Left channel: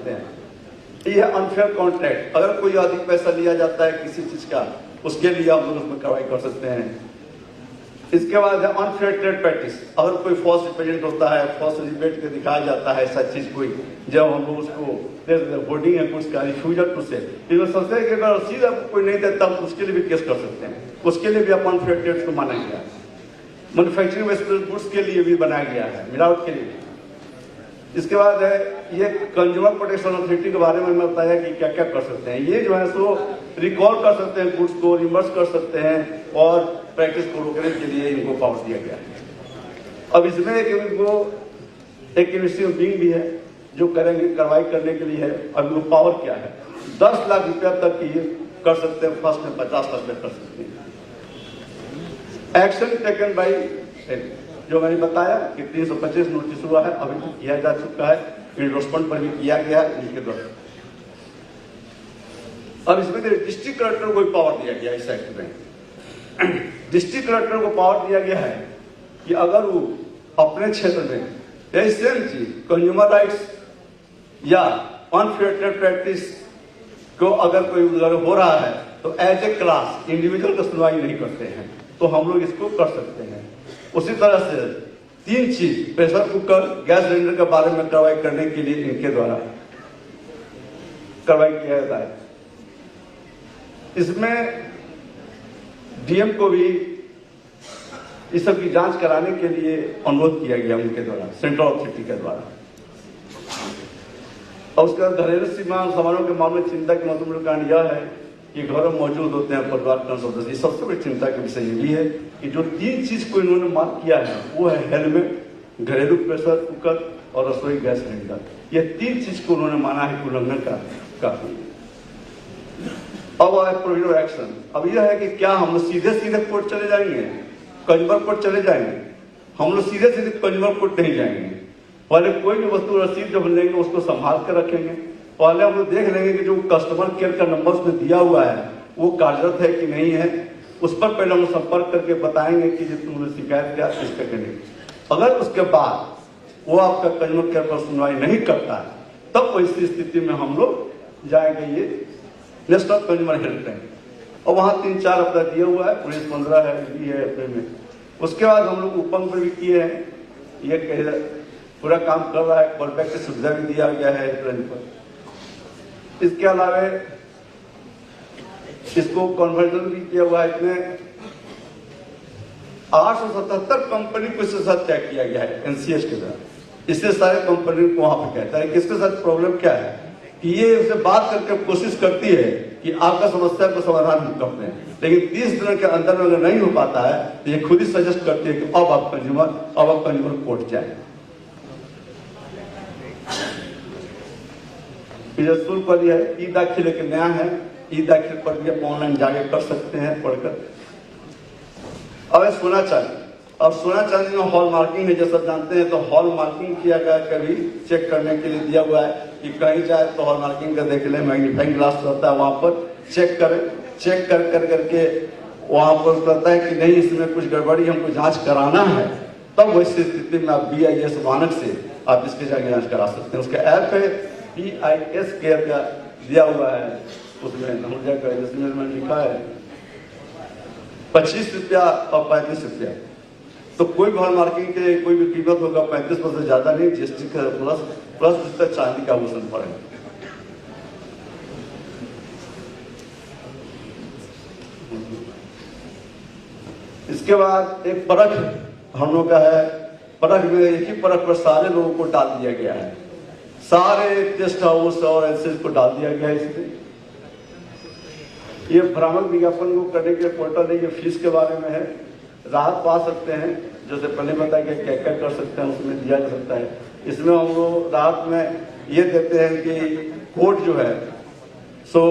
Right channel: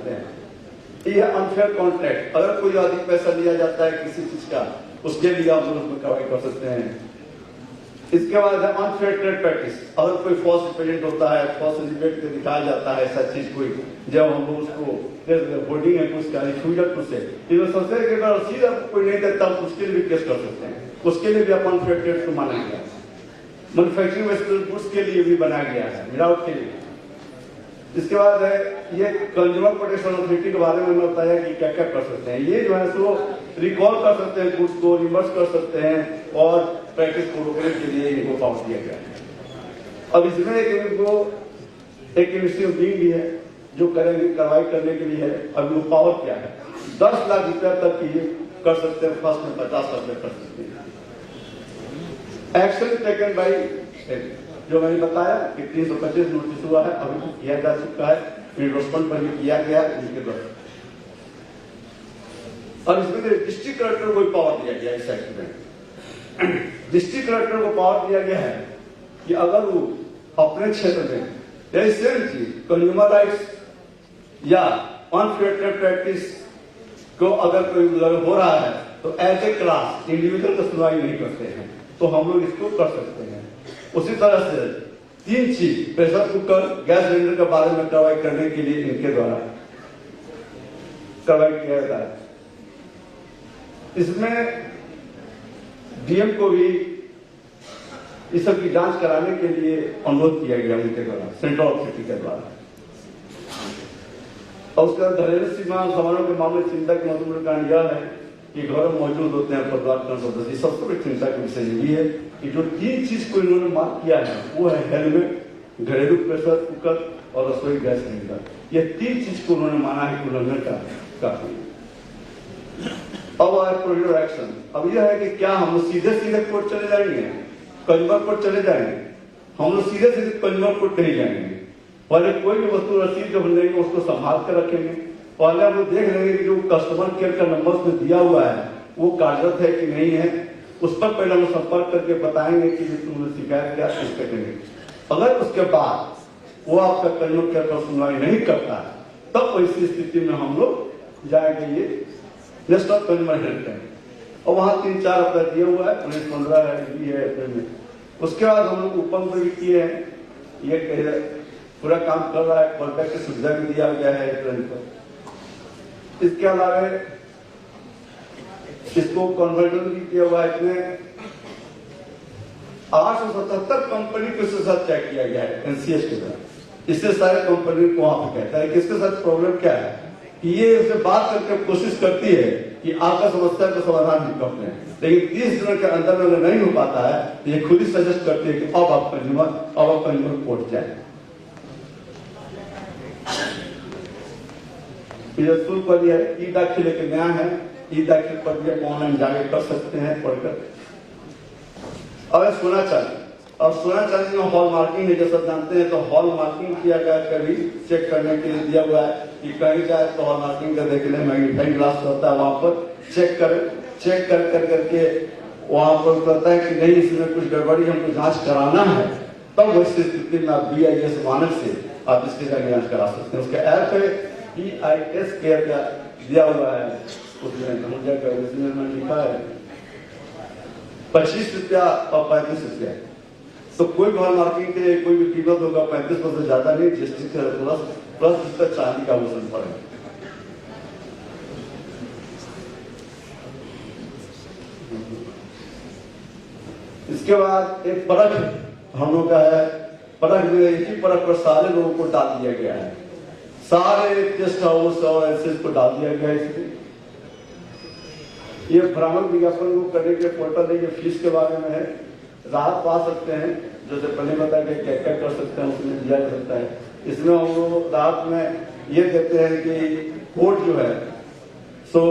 सकते हैं। ये अनफेयर कॉन्ट्रैक्ट, अगर कोई अधिक पैसा लिया जाता है किसी चीज का, उसके लिए आप लोग उसमें कार्रवाई कर सकते हैं। इसके बाद है अनफेयर ट्रेड प्रैक्टिस, अगर कोई फॉल्स रिप्रेजेंट होता है, फॉल्स रिबेट के दिखाया जाता है ऐसा चीज कोई, जब हम लोग उसको होर्डिंग है कुछ का रिफ्यूजल टू से सबसे अगर सीधा कोई नहीं देता तो उसके लिए भी केस कर सकते हैं, उसके लिए भी आप अनफेयर ट्रेड को माना गया है। मैन्युफैक्चरिंग वेस्टेज गुड्स के लिए भी बनाया गया है, मिलावट के लिए। इसके बाद है ये कंज्यूमर प्रोटेक्शन अथॉरिटी के बारे में बताया कि क्या क्या कर सकते हैं। ये जो है सो रिकॉल कर सकते हैं गुड्स को, रिवर्स कर सकते हैं और प्रैक्टिस को रोकने के लिए इनको पावर दिया गया है। अब इसमें एक इन्वेस्टिंग टीम भी है जो करेंगे, कार्रवाई करने के लिए है। अब वो पावर क्या है, 10 लाख रुपया तक की कर सकते हैं, फर्स्ट में 50% कर सकते हैं। एक्शन टेकन बाई जो मैंने बताया कि 325 नोटिस हुआ है, अभी तक किया जा चुका है, एंडोर्समेंट पर भी किया गया है इसके द्वारा। अब इसमें डिस्ट्रिक्ट कलेक्टर को पावर दिया गया इस एक्ट में। डिस्ट्रिक्ट कलेक्टर को पावर दिया गया है कि अगर वो अपने क्षेत्र में यही सेम चीज कंज्यूमर राइट्स या अनफेयर ट्रेड प्रैक्टिस को अगर कोई हो रहा है तो एज ए क्लास इंडिविजुअल का सुनवाई नहीं करते हैं, तो हम लोग इसको कर सकते हैं। उसी तरह से 3 चीज प्रेशर कुकर, गैस सिलेंडर के बारे में कार्रवाई करने के लिए इनके द्वारा कार्रवाई किया जाता है। इसमें डीएम को भी इस सब की जांच कराने के लिए अनुरोध किया गया उनके द्वारा, सेंट्रल अथॉरिटी के द्वारा। और उसके बाद घरेलू सीमा सामानों के मामले चिंता के महत्वपूर्ण कारण यह है कि घर में मौजूद होते हैं परिवार का सदस्य। सबसे बड़ी चिंता का विषय ये भी है कि जो 3 चीज को इन्होंने मार्क किया है वो है हेलमेट, घरेलू प्रेशर कुकर और रसोई गैस सिलेंडर। ये 3 चीज को उन्होंने माना है उल्लंघन का। अब है प्रोविजनल एक्शन। अब यह है कि क्या हम लोग सीधे कोर्ट चले जाएंगे, कंज्यूमर कोर्ट चले जाएंगे? हम लोग सीधे कंज्यूमर कोर्ट नहीं जाएंगे। पहले कोई भी वस्तु रसीद जब लेंगे उसको संभाल कर रखेंगे। पहले हम लोग देख लेंगे कि जो कस्टमर केयर का नंबर उसमें दिया हुआ है वो कार्यरत है कि नहीं है, उस पर पहले हम संपर्क करके बताएंगे कि तुमने शिकायत किया इस पे करेंगे। अगर उसके बाद वो आपका कंज्यूमर केयर पर सुनवाई नहीं करता है तब ऐसी स्थिति में हम लोग जाएंगे ये नेशनल कंज्यूमर हेल्पलाइन, और वहां 3-4 अपना दिया हुआ है, पुलिस 15 है, ये है अपने में। उसके बाद हम लोग उपंग भी किए हैं, ये पूरा काम कर रहा है, कॉल बैक की सुविधा भी दिया गया है हेल्पलाइन पर। इसके अलावा इसको कन्वर्जन भी किया हुआ है। इसमें 877 कंपनी को इसके साथ तय किया गया है एनसीएस के साथ। इससे सारे कंपनी को वहां पर कहता है कि इसके साथ प्रॉब्लम क्या है कि ये उससे बात करके कोशिश करती है कि आपका समस्या को समाधान भी करते हैं, लेकिन 30 दिन के अंदर में अगर नहीं हो पाता है तो ये खुद ही सजेस्ट करती है कि अब आप कंज्यूमर कोर्ट जाए। शुल्क पर यह ई दाखिले के नया है, ई दाखिल प्रक्रिया ऑनलाइन जाके कर सकते हैं पढ़कर। अब सोना चांदी, अब सोना चांदी में हॉल मार्किंग है, जैसा जानते हैं, तो हॉल मार्किंग किया गया कभी चेक करने के लिए दिया हुआ है कि कहीं जाए तो हॉल मार्किंग का देख ले, मैग्नीफाइंग ग्लास होता है वहां पर चेक कर करके वहां पर कहता है कि नहीं इसमें कुछ गड़बड़ी, हमको जांच कराना है, तब वैसी स्थिति में आप BIS मानक से आप इसके जाके जांच करा सकते हैं। उसका ऐप है BIS केयर का दिया हुआ है, उसमें धनुजा का इसमें में लिखा है 25 रुपया और 35 रुपया। तो कोई हॉल मार्किंग के कोई भी कीमत होगा 35% ज्यादा नहीं, GST प्लस उस तक चांदी का आभूषण पड़ेगा। इसके बाद एक परख हम लोग का है, परख में एक ही परख पर सारे लोगों को डाल दिया गया है, सारे गेस्ट हाउस और एसेस को डाल दिया गया है। इसमें ये भ्रामक विज्ञापन को करने के पोर्टल है, ये फीस के बारे में है, राहत पा सकते हैं, जैसे पहले बताया कि क्या क्या कर सकते हैं उसमें दिया जा सकता है। इसमें हम लोग राहत में ये देते हैं कि कोर्ट जो है सो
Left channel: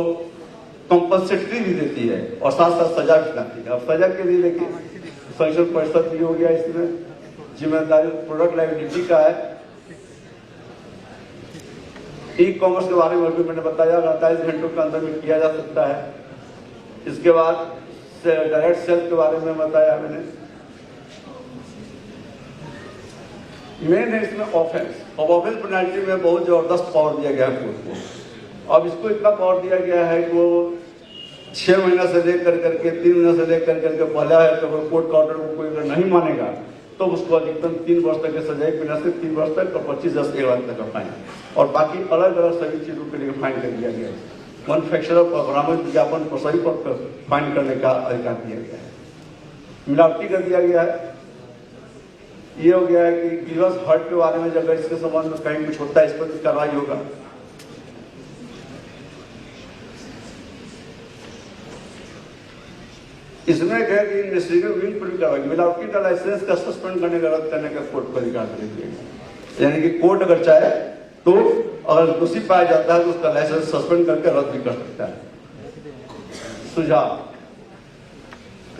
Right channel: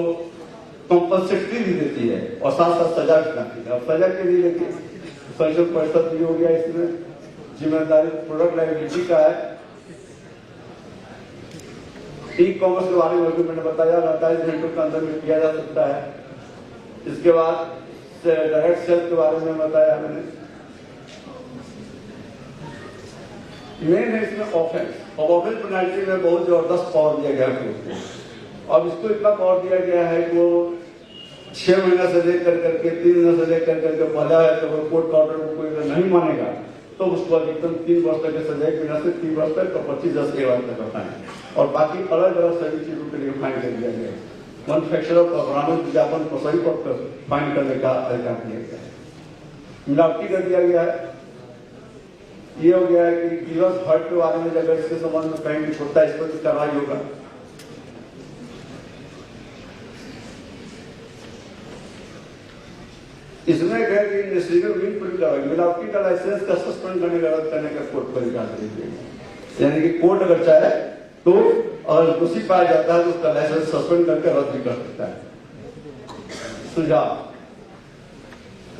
कंपल्सरी भी देती है और साथ साथ सजा भी करती है। अब सजा के लिए देखिए संरक्षण परिषद भी हो गया, इसमें जिम्मेदारी प्रोडक्ट लाइबिलिटी का है। ई कॉमर्स के बारे में भी मैंने बताया 48 घंटों के अंदर में किया जा सकता है। इसके बाद डायरेक्ट सेल के बारे में बताया मैंने। मेन है इसमें ऑफेंस, अब ऑफिस पेनल्टी में बहुत जबरदस्त पावर दिया गया है कोर्ट को। अब इसको इतना पावर दिया गया है कि वो 6 महीने से लेकर करके 3 महीने से लेकर करके पहला है, तो कोर्ट का ऑर्डर को कोई अगर नहीं मानेगा तो उसको अधिकतम 3 वर्ष तक सजा, 1 महीना से 3 वर्ष तक, तो 25,000 से 1 लाख तक का फाइन, और बाकी अलग अलग सभी चीजों के लिए फाइन कर दिया गया है। मैन्युफैक्चरर और बरामद विज्ञापन को सही पर फाइन करने का अधिकार दिया गया है। मिलावटी कर दिया गया है। ये हो गया है कि गिरस हट के बारे में अगर इसके संबंध में कहीं कुछ होता है, इस पर भी कार्रवाई होगा। इसमें कहे कि इंडस्ट्री में बिल पर कार्रवाई, मिलावटी का लाइसेंस का सस्पेंड करने का, रद्द करने का कोर्ट को अधिकार दे दिया। यानी कि कोर्ट अगर चाहे तो अगर दोषी पाया जाता है तो उसका लाइसेंस सस्पेंड करके रद्द भी कर सकता है।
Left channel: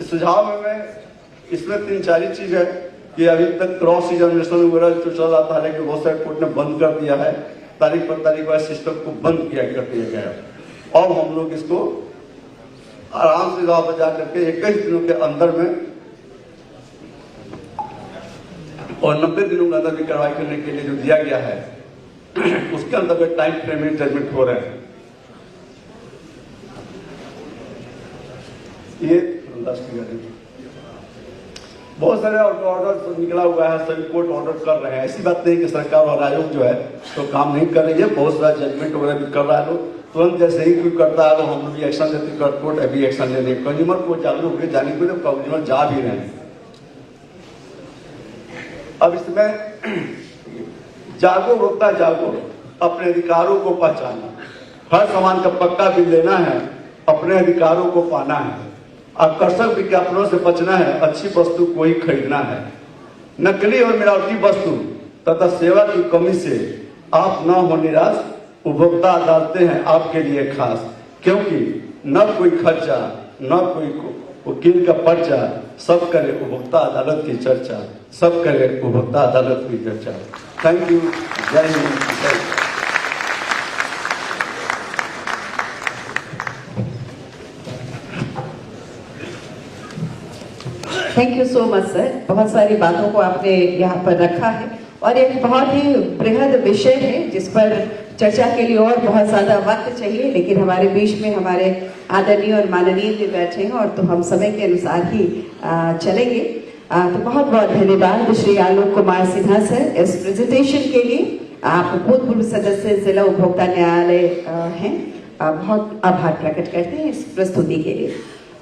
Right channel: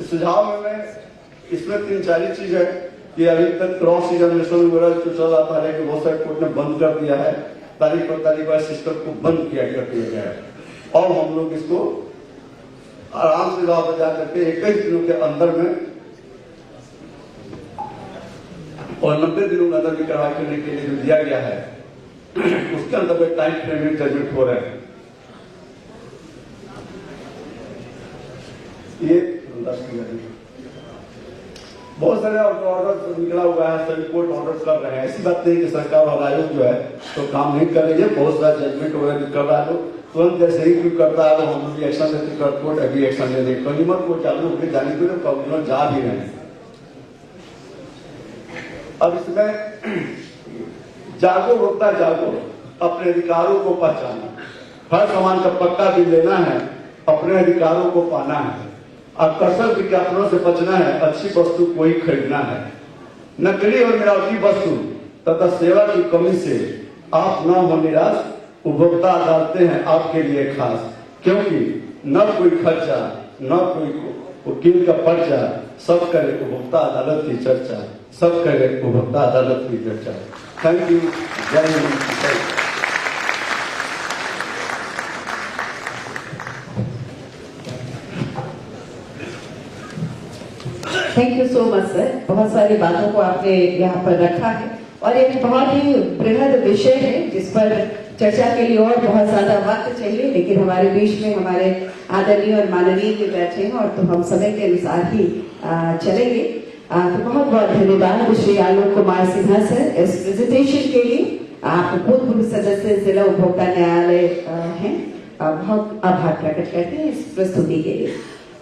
सुझाव में इसमें 3-4 चीज है कि अभी तक क्रॉस एग्जामिनेशन वगैरह जो चल रहा था, लेकिन बहुत सारे कोर्ट ने बंद कर दिया है। तारीख पर तारीख वाइज सिस्टम को बंद कर दिया गया है। और हम लोग इसको आराम से जवाब बजा करके 21 दिनों के अंदर में और 90 दिनों के अंदर भी कार्रवाई करने के लिए जो दिया गया है, उसके अंदर में टाइम फ्रेम में जजमेंट हो रहे हैं। ये बहुत सारे ऑर्डर निकला हुआ है, सभी कोर्ट ऑर्डर कर रहे हैं। ऐसी बात नहीं कि सरकार और आयोग जो है तो काम नहीं कर रही है, बहुत सारा जजमेंट वगैरह भी कर रहा है। लोग तुरंत जैसे ही कोई करता है तो हम भी एक्शन लेते, कोर्ट अभी एक्शन ले रहे। कंज्यूमर को जागरूक होकर जाने के लिए कंज्यूमर जा भी रहे हैं। अब इसमें जागो होता, जागो, अपने अधिकारों को पहचानो। हर सामान का पक्का बिल लेना है, अपने अधिकारों को पाना है, आकर्षक विज्ञापनों से बचना है, अच्छी वस्तु को ही खरीदना है। नकली और मिलावटी वस्तु तथा सेवा की कमी से आप न हो निराश। उपभोक्ता अदालतें हैं आपके लिए खास, क्योंकि न कोई खर्चा न कोई वकील का पर्चा, सब करे उपभोक्ता अदालत की चर्चा, सब करे उपभोक्ता अदालत की चर्चा। Thank you. जय हिंद। Thank you so much sir. बहुत सारी बातों को आपने यहाँ पर रखा है और एक बहुत ही बृहद विषय है जिस पर चर्चा के लिए और बहुत ज्यादा वक्त चाहिए, लेकिन हमारे बीच में हमारे आदरणीय और माननीय भी बैठे हैं और तो हम समय के अनुसार ही चलेंगे। तो बहुत बहुत धन्यवाद श्री आलोक कुमार सिन्हा सर इस प्रेजेंटेशन के लिए। आप भूतपूर्व सदस्य जिला उपभोक्ता न्यायालय हैं, बहुत आभार प्रकट करते हैं इस प्रस्तुति के लिए।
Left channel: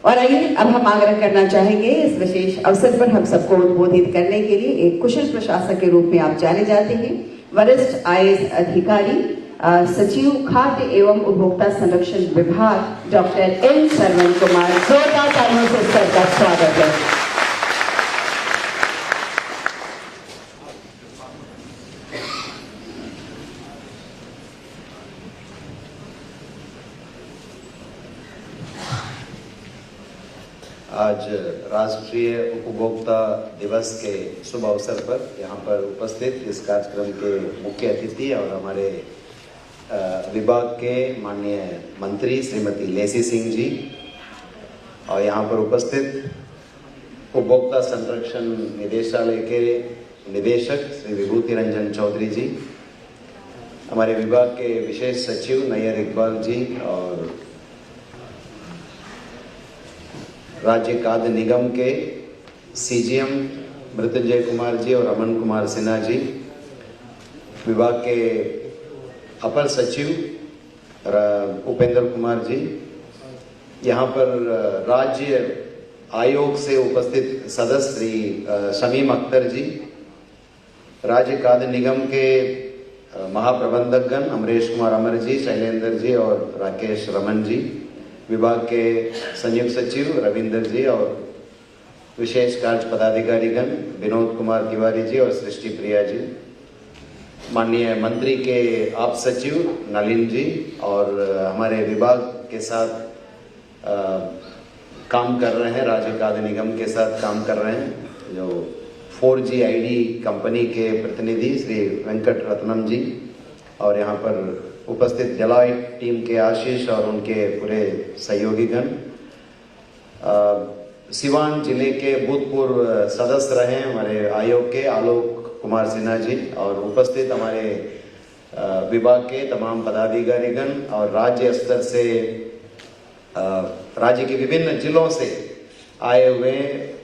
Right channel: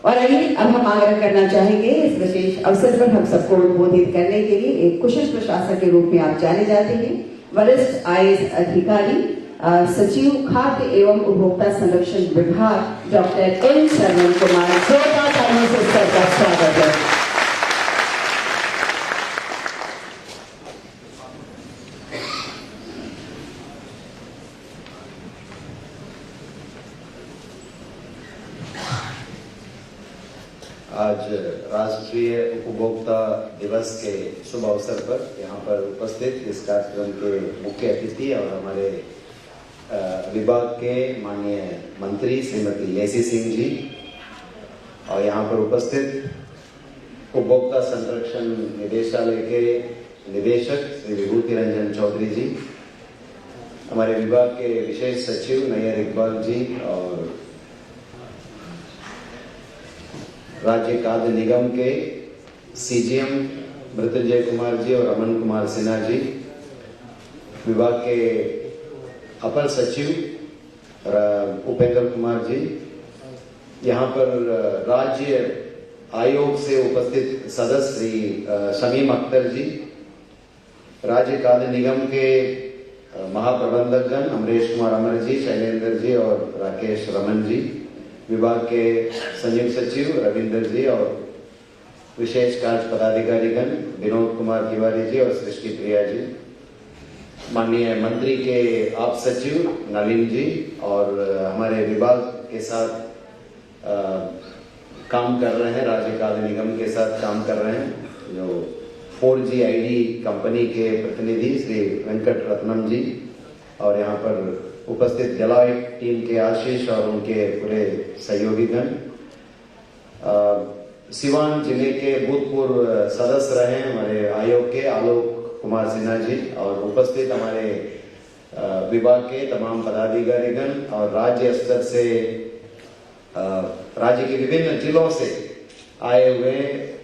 और आइए अब हम आग्रह करना चाहेंगे इस विशेष अवसर पर हम सबको उद्बोधित करने के लिए एक कुशल प्रशासक के रूप में आप जाने जाते हैं, वरिष्ठ आईएएस अधिकारी सचिव खाद्य एवं उपभोक्ता संरक्षण विभाग डॉक्टर एन सरवन कुमार। जोरदार तालियों से सर का स्वागत है। आज राष्ट्रीय उपभोक्ता दिवस के शुभ अवसर पर यहाँ पर उपस्थित इस कार्यक्रम के मुख्य अतिथि और हमारे विभाग के माननीय मंत्री श्रीमती लेसी सिंह जी, और यहाँ पर उपस्थित उपभोक्ता संरक्षण निदेशालय के निदेशक श्री विभूति रंजन चौधरी जी, हमारे विभाग के विशेष सचिव नैयर इकबाल जी, और राज्य खाद्य निगम के सीजीएम मृत्युंजय कुमार जी और अमन कुमार सिन्हा जी, विभाग के अपर सचिव उपेंद्र कुमार जी, यहाँ पर राज्य आयोग से उपस्थित सदस्य श्री शमीम अख्तर जी, राज्य खाद्य निगम के महाप्रबंधकगण अमरेश कुमार अमर जी, शैलेंद्र जी और राकेश रमन जी, विभाग के संयुक्त सचिव रविंदर जी और विशेष कार्य पदाधिकारीगण विनोद कुमार तिवारी जी और सृष्टि प्रिया जी, माननीय मंत्री के आप सचिव नलिन जी, और हमारे विभाग के साथ काम कर रहे हैं, राज्य खाद्य निगम के साथ काम कर रहे हैं, जो 4G ID कंपनी के प्रतिनिधि श्री वेंकट रत्नम जी, और यहाँ पर उपस्थित डेलॉयट टीम के आशीष और उनके पूरे सहयोगीगण, सिवान जिले के भूतपूर्व सदस्य रहे हमारे आयोग के आलोक कुमार सिन्हा जी और उपस्थित हमारे विभाग के तमाम पदाधिकारीगण और राज्य स्तर से राज्य के विभिन्न जिलों से आए हुए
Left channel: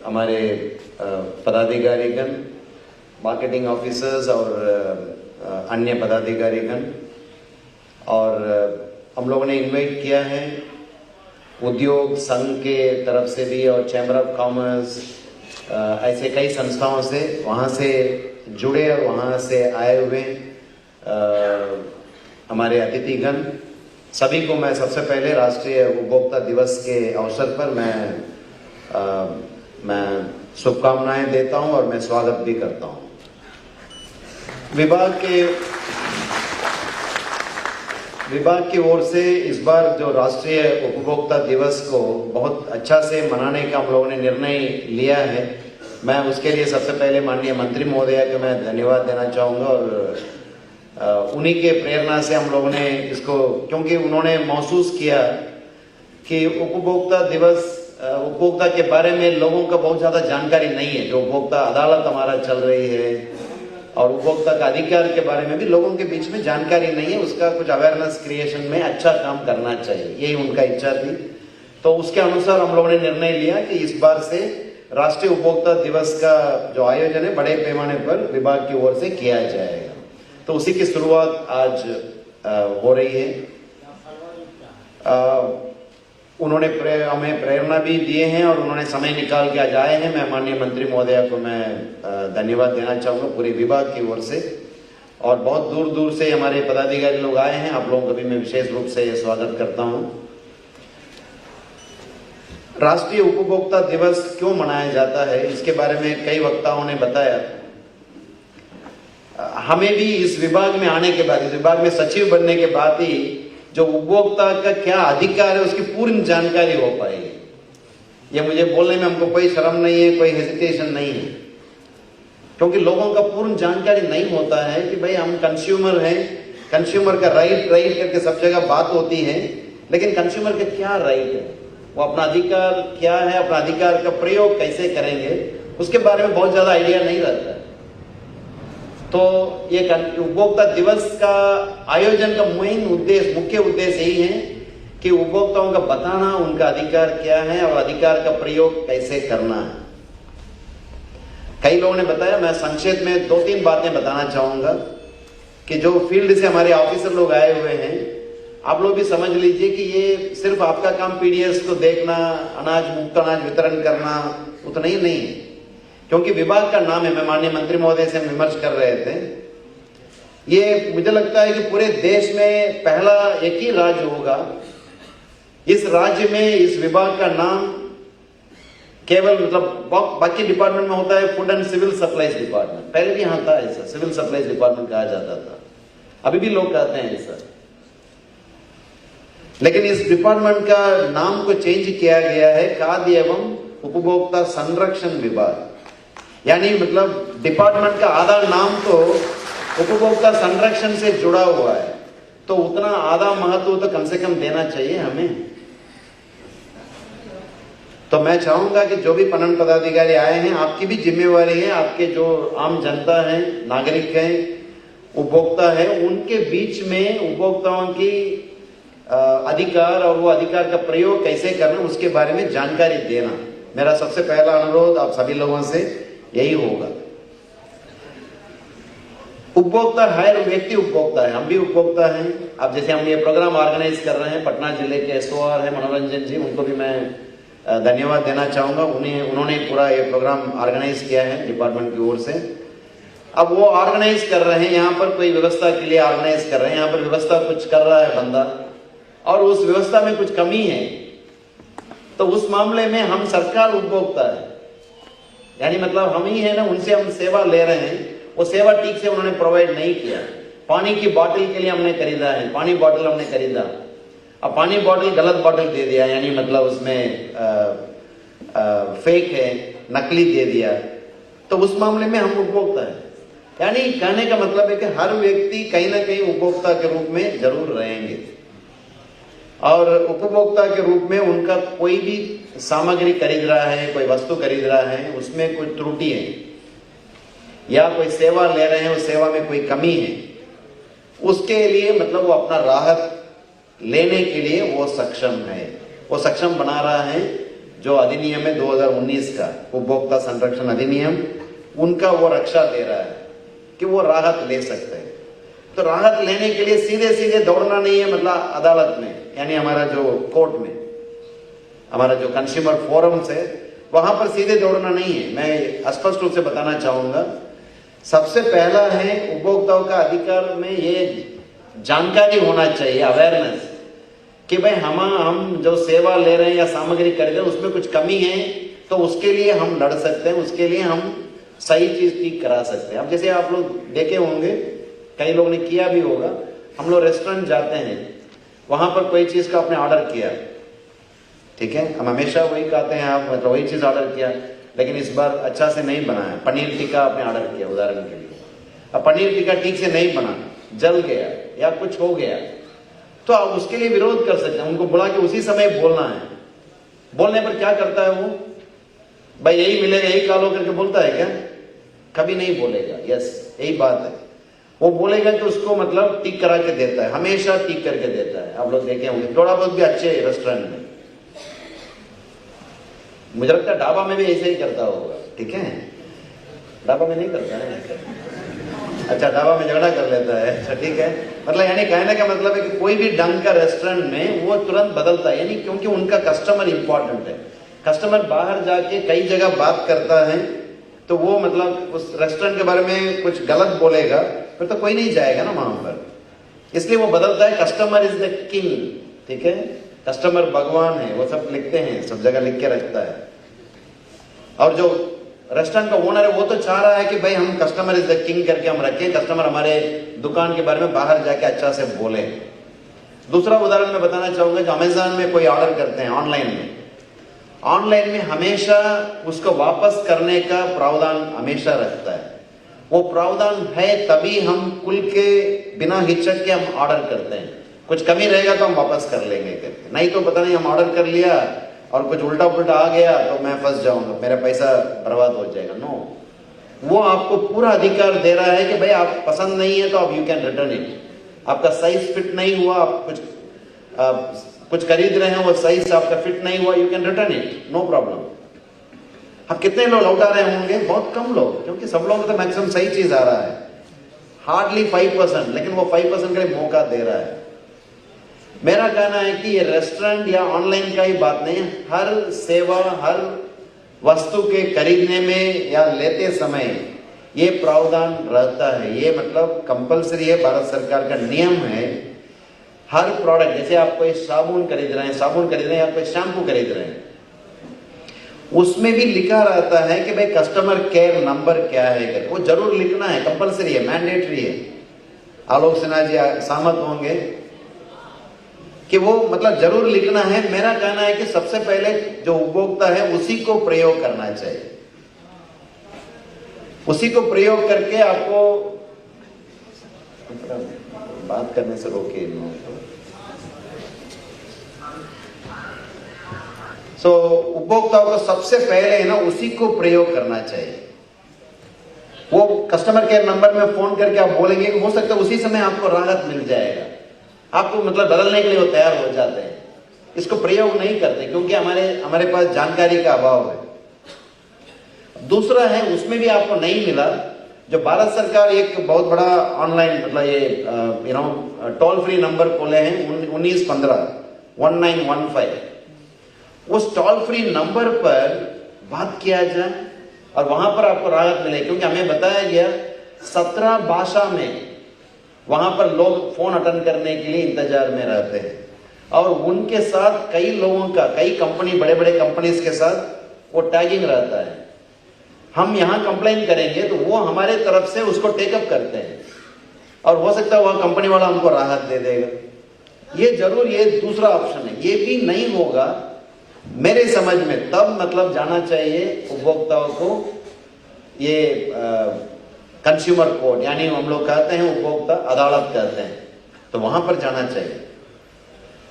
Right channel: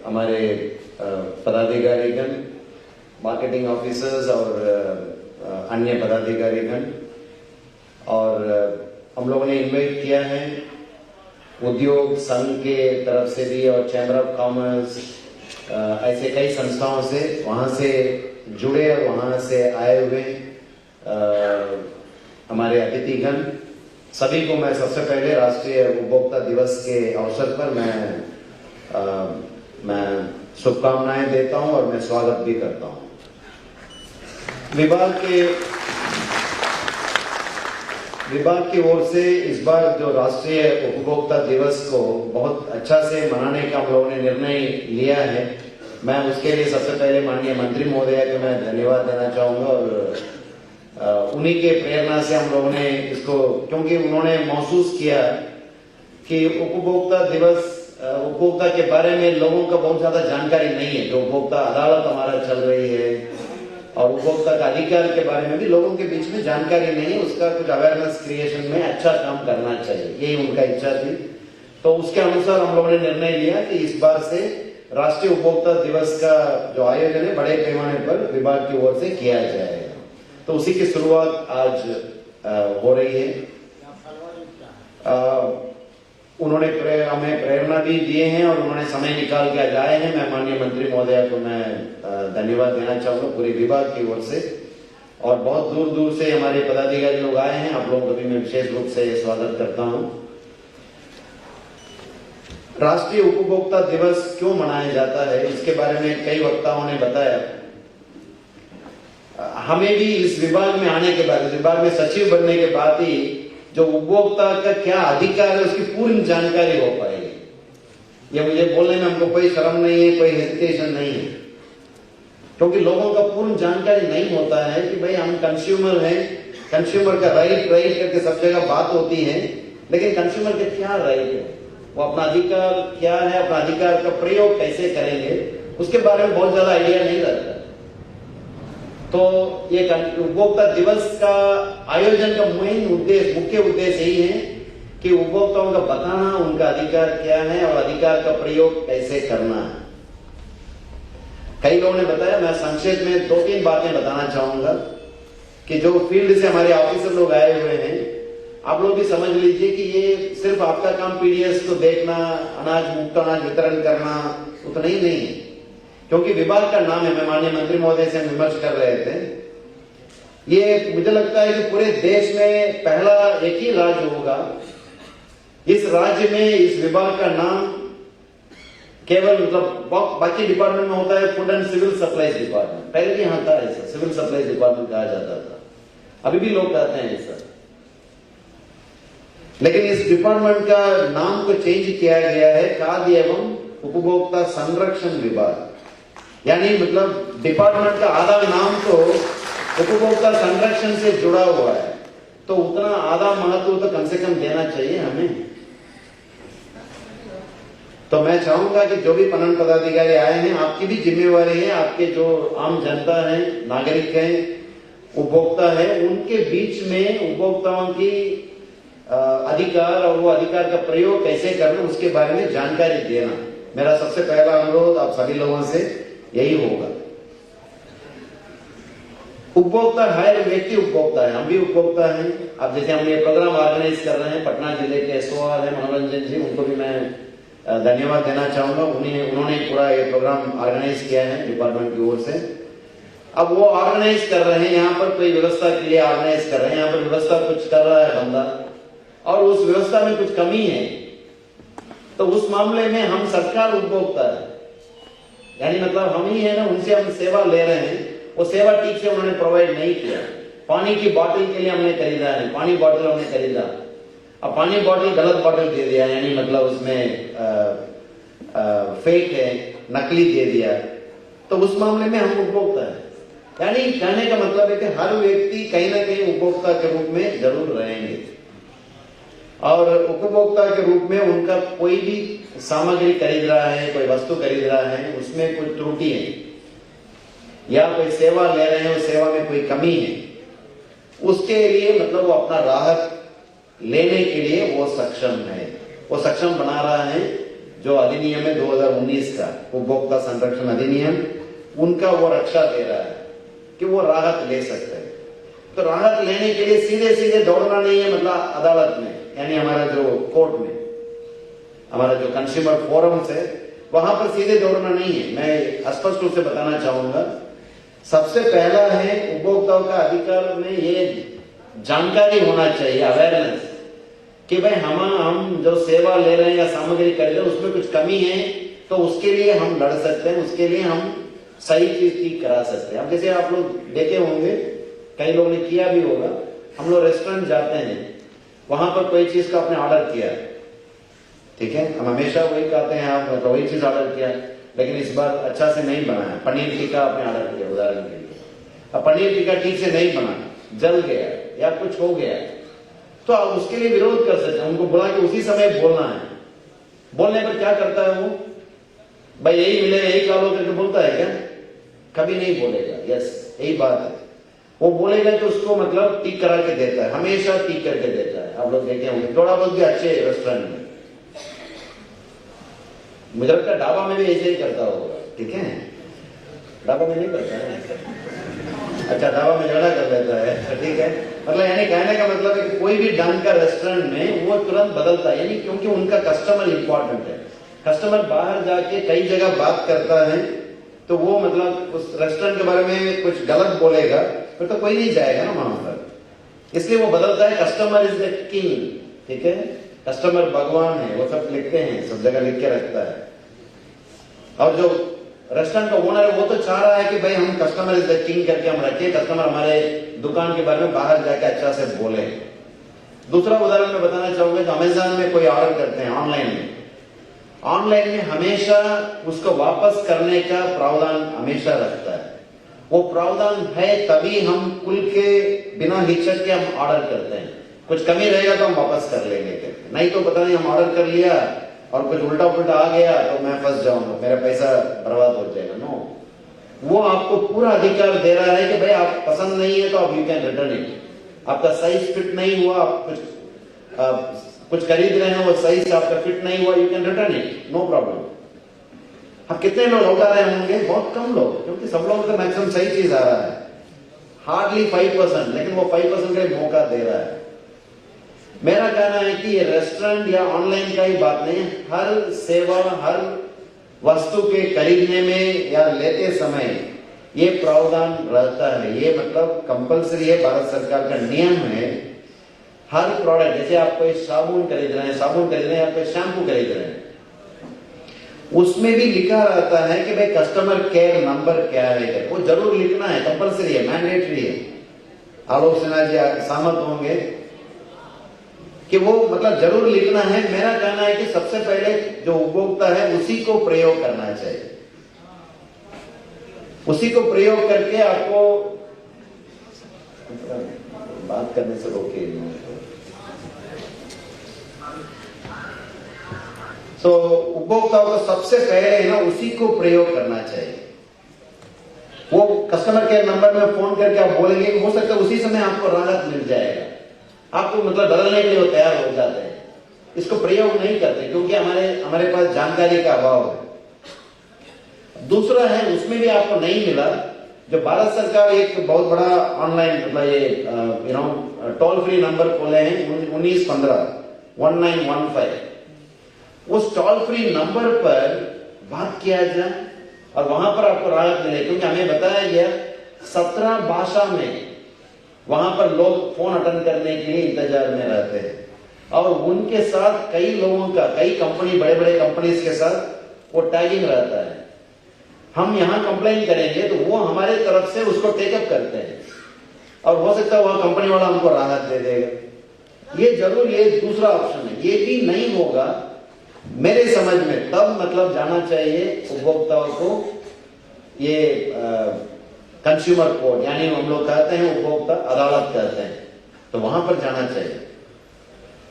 हमारे पदाधिकारीगण, मार्केटिंग ऑफिसर्स और अन्य पदाधिकारीगण, और हम लोगों ने इनवाइट किया है उद्योग संघ के तरफ से भी और चैम्बर ऑफ कॉमर्स, ऐसे कई संस्थाओं से वहां से जुड़े और वहां से आए हुए हमारे अतिथिगण सभी को मैं सबसे पहले राष्ट्रीय उपभोक्ता दिवस के अवसर पर मैं शुभकामनाएं देता हूं और मैं स्वागत भी करता हूं। विभाग की ओर से इस बार जो राष्ट्रीय उपभोक्ता दिवस को बहुत अच्छा से मनाने का हम लोगों ने निर्णय लिया है, मैं उसके लिए सबसे पहले माननीय मंत्री महोदया को मैं धन्यवाद देना चाहूंगा और उन्हीं के प्रेरणा से हम लोगों ने इसको, क्योंकि उन्होंने महसूस किया कि उपभोक्ता दिवस, उपभोक्ता के बारे में लोगों का बहुत ज्यादा जानकारी नहीं है। जो उपभोक्ता अदालत हमारा चल रही है और उपभोक्ता का अधिकार के बारे में भी लोगों के बीच में जानकारी नहीं है, उसका कुछ अवेयरनेस क्रिएशन में अच्छा काम करना चाहिए, यही उनका इच्छा थी। तो उसके अनुसार हम लोगों ने निर्णय लिया कि इस बार से राष्ट्रीय उपभोक्ता दिवस का जो आयोजन है बड़े पैमाने पर विभाग की ओर से किया जाएगा। तो उसी की शुरुआत आज हो रही है। उन्होंने हमें प्रेरणा भी दिए हैं और उन्होंने समय निकाल के आज आए हैं। मैं माननीय मंत्री महोदया को मैं धन्यवाद देना चाहूंगा पूरे विभाग की ओर से, और बहुत दूर दूर से हमारे पदाधिकारी लोग आए हैं, आप लोगों का भी मैं विशेष रूप से स्वागत करता हूं। राष्ट्रीय उपभोक्ता दिवस क्यों मनाया जाता है, इसके बारे में कई वक्ताओं ने बताया। हमें भी इस विभाग में आने के बाद, इस विभाग में सचिव बनने के बाद ही जो उपभोक्ता का क्या अधिकार है उसकी पूर्ण जानकारी हो पाएगी। ये मुझे बोलने में हमको कोई शर्म नहीं है, कोई हेजिटेशन नहीं है, क्योंकि लोगों का पूर्ण जानकारी नहीं होता है कि भाई हम कंज्यूमर हैं, कंज्यूमर का राइट करके सब जगह बात होती है, लेकिन कंज्यूमर के क्या राइट है, वो अपना अधिकार क्या है, अपना अधिकार का प्रयोग कैसे करेंगे, उसके बारे में बहुत ज्यादा आइडिया नहीं रहता। तो ये उपभोक्ता दिवस का आयोजन का मुख्य उद्देश्य यही है कि उपभोक्ताओं का बताना उनका अधिकार क्या है और अधिकार का प्रयोग कैसे करना है। कई लोगों ने बताया, मैं संक्षेप में 2-3 बातें बताना चाहूंगा कि जो फील्ड से हमारे ऑफिसर लोग आए हुए हैं, आप लोग भी समझ लीजिए कि ये सिर्फ आपका काम पीडीएस को देखना, मुफ्त अनाज वितरण करना उतना ही नहीं है, क्योंकि विभाग का नाम है। मैं माननीय मंत्री महोदय से विमर्श कर रहे थे, ये मुझे लगता है कि पूरे देश में पहला एक ही राज्य होगा, इस राज्य में इस विभाग का नाम केवल मतलब बाकी डिपार्टमेंट में होता है food and civil supplies department, पहले भी यहाँ था ऐसा, सिविल सप्लाईज डिपार्टमेंट कहा जाता था, अभी भी लोग कहते हैं ऐसा, लेकिन इस डिपार्टमेंट का नाम को चेंज किया गया है खाद्य एवं उपभोक्ता संरक्षण विभाग। यानी मतलब डिपार्टमेंट का आधा नाम तो उपभोक्ता संरक्षण से जुड़ा हुआ है, तो उतना आधा महत्व तो कम से कम देना चाहिए हमें। तो मैं चाहूंगा कि जो भी पणन पदाधिकारी आए हैं, आपकी भी जिम्मेवारी है, आपके जो आम जनता है, नागरिक हैं, उपभोक्ता है, उनके बीच में उपभोक्ताओं की अधिकार और वो अधिकार का प्रयोग कैसे करना उसके बारे में जानकारी देना मेरा सबसे पहला अनुरोध आप सभी लोगों से यही होगा। उपभोक्ता हर व्यक्ति उपभोक्ता है, हम भी उपभोक्ता हैं। अब जैसे हम ये प्रोग्राम ऑर्गेनाइज कर रहे हैं, पटना जिले के एसओआर है मनोरंजन जी, उनको भी मैं धन्यवाद देना चाहूंगा। उन्होंने पूरा ये प्रोग्राम ऑर्गेनाइज किया है डिपार्टमेंट की ओर से। अब वो ऑर्गेनाइज कर रहे हैं, यहाँ पर कोई व्यवस्था के लिए ऑर्गेनाइज कर रहे हैं, यहाँ पर व्यवस्था कुछ कर रहा है बंदा और उस व्यवस्था में कुछ कमी है, तो उस मामले में हम सरकार उपभोक्ता है, यानी मतलब हम ही है ना, उनसे हम सेवा ले रहे हैं, वो सेवा ठीक से उन्होंने प्रोवाइड नहीं किया। पानी की बोतल के लिए हमने खरीदा है, पानी बोतल हमने खरीदा, अब पानी बोतल गलत बोतल दे दिया, यानी मतलब उसमें फेक है, नकली दे दिया, तो उस मामले में हम उपभोक्ता है। यानी कहने का मतलब है कि हर व्यक्ति कहीं ना कहीं उपभोक्ता के रूप में जरूर रहेंगे और उपभोक्ता के रूप में उनका कोई भी सामग्री खरीद रहा है, कोई वस्तु खरीद रहा है, उसमें कोई त्रुटि है या कोई सेवा ले रहे हैं, उस सेवा में कोई कमी है, उसके लिए मतलब वो अपना राहत लेने के लिए वो सक्षम है, वो सक्षम बना रहा है। जो अधिनियम है 2019 का उपभोक्ता संरक्षण अधिनियम, उनका वो रक्षा दे रहा है कि वो राहत ले सकते हैं। तो राहत लेने के लिए सीधे सीधे दौड़ना नहीं है, मतलब अदालत में, यानी हमारा जो कोर्ट में, हमारा जो कंज्यूमर फोरम्स है, वहां पर सीधे दौड़ना नहीं है। मैं स्पष्ट रूप से बताना चाहूंगा, सबसे पहला है उपभोक्ताओं का अधिकार में ये जानकारी होना चाहिए, अवेयरनेस, कि भाई हम जो सेवा ले रहे हैं या सामग्री खरीद रहे हैं उसमें कुछ कमी है तो उसके लिए हम लड़ सकते हैं, उसके लिए हम सही चीज ठीक करा सकते हैं। अब जैसे आप लोग देखे होंगे, कई लोगों ने किया भी होगा, हम लोग रेस्टोरेंट जाते हैं, वहां पर कोई चीज का आपने ऑर्डर किया, ठीक है, हम हमेशा वही कहते हैं आप मतलब वही चीज ऑर्डर किया, लेकिन इस बार अच्छा से नहीं बना है, पनीर टिक्का आपने ऑर्डर किया उदाहरण के लिए, अब पनीर टिक्का ठीक से नहीं बना, जल गया या कुछ हो गया, तो आप उसके लिए विरोध कर सकते हैं, उनको बोला कि उसी समय बोलना है। बोलने पर क्या करता है वो, भाई यही मिलेगा यही खा लो करके बोलता है क्या? कभी नहीं बोलेगा। यस, यही बात है, वो बोलेगा कि उसको मतलब टिक करा के देता है, हमेशा टिक करके देता है। आप लोग देखे होंगे थोड़ा बहुत भी अच्छे रेस्टोरेंट में, मुझे लगता है ढाबा में भी ऐसे ही करता होगा, ठीक है, ढाबा में नहीं करता है, अच्छा ढाबा में झगड़ा कर लेता है, अच्छा ठीक है, मतलब यानी कहने का मतलब है कि कोई भी ढंग का रेस्टोरेंट में वो तुरंत बदलता है, यानी क्योंकि उनका कस्टमर इंपॉर्टेंट है। कस्टमर बाहर जाके कई जगह बात करता है तो वो मतलब उस रेस्टोरेंट के बारे में कुछ गलत बोलेगा फिर तो कोई नहीं जाएगा ना वहां पर, इसलिए वो बदलता है। कस्टमर इज द किंग, ठीक है, कस्टमर भगवान है, वो सब लिखते हैं, सब जगह लिख के रखता है। और जो रेस्टोरेंट का ओनर है वो तो चाह रहा है कि भाई हम कस्टमर इज द किंग करके हम रखें, कस्टमर हमारे दुकान के बारे में बाहर जाके अच्छा से बोले। दूसरा उदाहरण मैं बताना चाहूंगा, जो अमेजन में कोई ऑर्डर करते हैं ऑनलाइन में हमेशा उसको वापस करने का प्रावधान हमेशा रखता है। वो प्रावधान है तभी हम खुल के बिना हिचक के हम ऑर्डर करते हैं, कुछ कमी रहेगा तो हम वापस कर लेंगे, नहीं तो पता नहीं हम ऑर्डर कर लिया और कुछ उल्टा पुल्टा आ गया तो मैं फंस जाऊंगा, मेरा पैसा बर्बाद हो जाएगा। नो, वो आपको पूरा अधिकार दे रहा है कि भाई आप पसंद नहीं है तो आप यू कैन रिटर्न इट, आपका साइज फिट नहीं हुआ, आप कुछ खरीद रहे हैं वो साइज आपका फिट नहीं हुआ, you can return it, no problem. अब कितने लोग लौटा रहे होंगे? बहुत कम लोग, क्योंकि सब लोग तो मैक्सिमम सही चीज आ रहा है, हार्डली 5%, लेकिन वो 5% का ही मौका दे रहा है। मेरा कहना है कि ये रेस्टोरेंट या ऑनलाइन का ही बात नहीं है, हर सेवा हर वस्तु के खरीदने में या लेते समय ये प्रावधान रहता है, ये मतलब कंपलसरी है, भारत सरकार का नियम है। हर प्रोडक्ट, जैसे आप कोई साबुन खरीद रहे हैं या कोई शैम्पू खरीद रहे हैं, उसमें भी लिखा रहता है कि भाई कस्टमर केयर नंबर क्या है, वो जरूर लिखना है, कंपलसरी है, मैंडेटरी है। आलोक सिन्हा जी सहमत होंगे कि वो मतलब जरूर लिखना है। मेरा कहना है कि सबसे पहले जो उपभोक्ता है उसी को प्रयोग करना चाहिए, उसी को प्रयोग करके आपको बात करने से रोकिए। तो उपभोक्ताओं को सबसे पहले ना उसी को प्रयोग करना चाहिए। वो कस्टमर केयर नंबर में फोन करके आप बोलेंगे, हो सकता है उसी समय आपको राहत मिल जाएगा, आपको मतलब बदलने के लिए वो तैयार हो जाते हैं। इसको प्रयोग नहीं करते क्योंकि हमारे पास जानकारी का अभाव है। दूसरा है, उसमें भी आपको नहीं मिला, जो भारत सरकार एक बहुत बड़ा ऑनलाइन मतलब ये टोल फ्री नंबर खोले हैं 1915 उस टोल फ्री नंबर पर बात किया जाए और वहां पर आपको राहत मिले, क्योंकि हमें बताया गया 17 भाषा में वहां पर लोग फोन अटेंड करने के लिए इंतजार में रहते हैं और उनके साथ कई लोगों का, कई कंपनी, बड़े बड़े कंपनीज के साथ वो टैगिंग रहता है। हम यहां कंप्लेन करेंगे तो वो हमारे तरफ से उसको टेकअप करते हैं और हो सकता है वह कंपनी वाला हमको राहत दे देगा। ये जरूर, ये दूसरा ऑप्शन है। ये भी नहीं होगा मेरे समझ में, तब मतलब जाना चाहिए उपभोक्ताओं को ये कंज्यूमर कोर्ट, यानी हम लोग कहते हैं उपभोक्ता अदालत कहते हैं, तो वहां पर जाना चाहिए।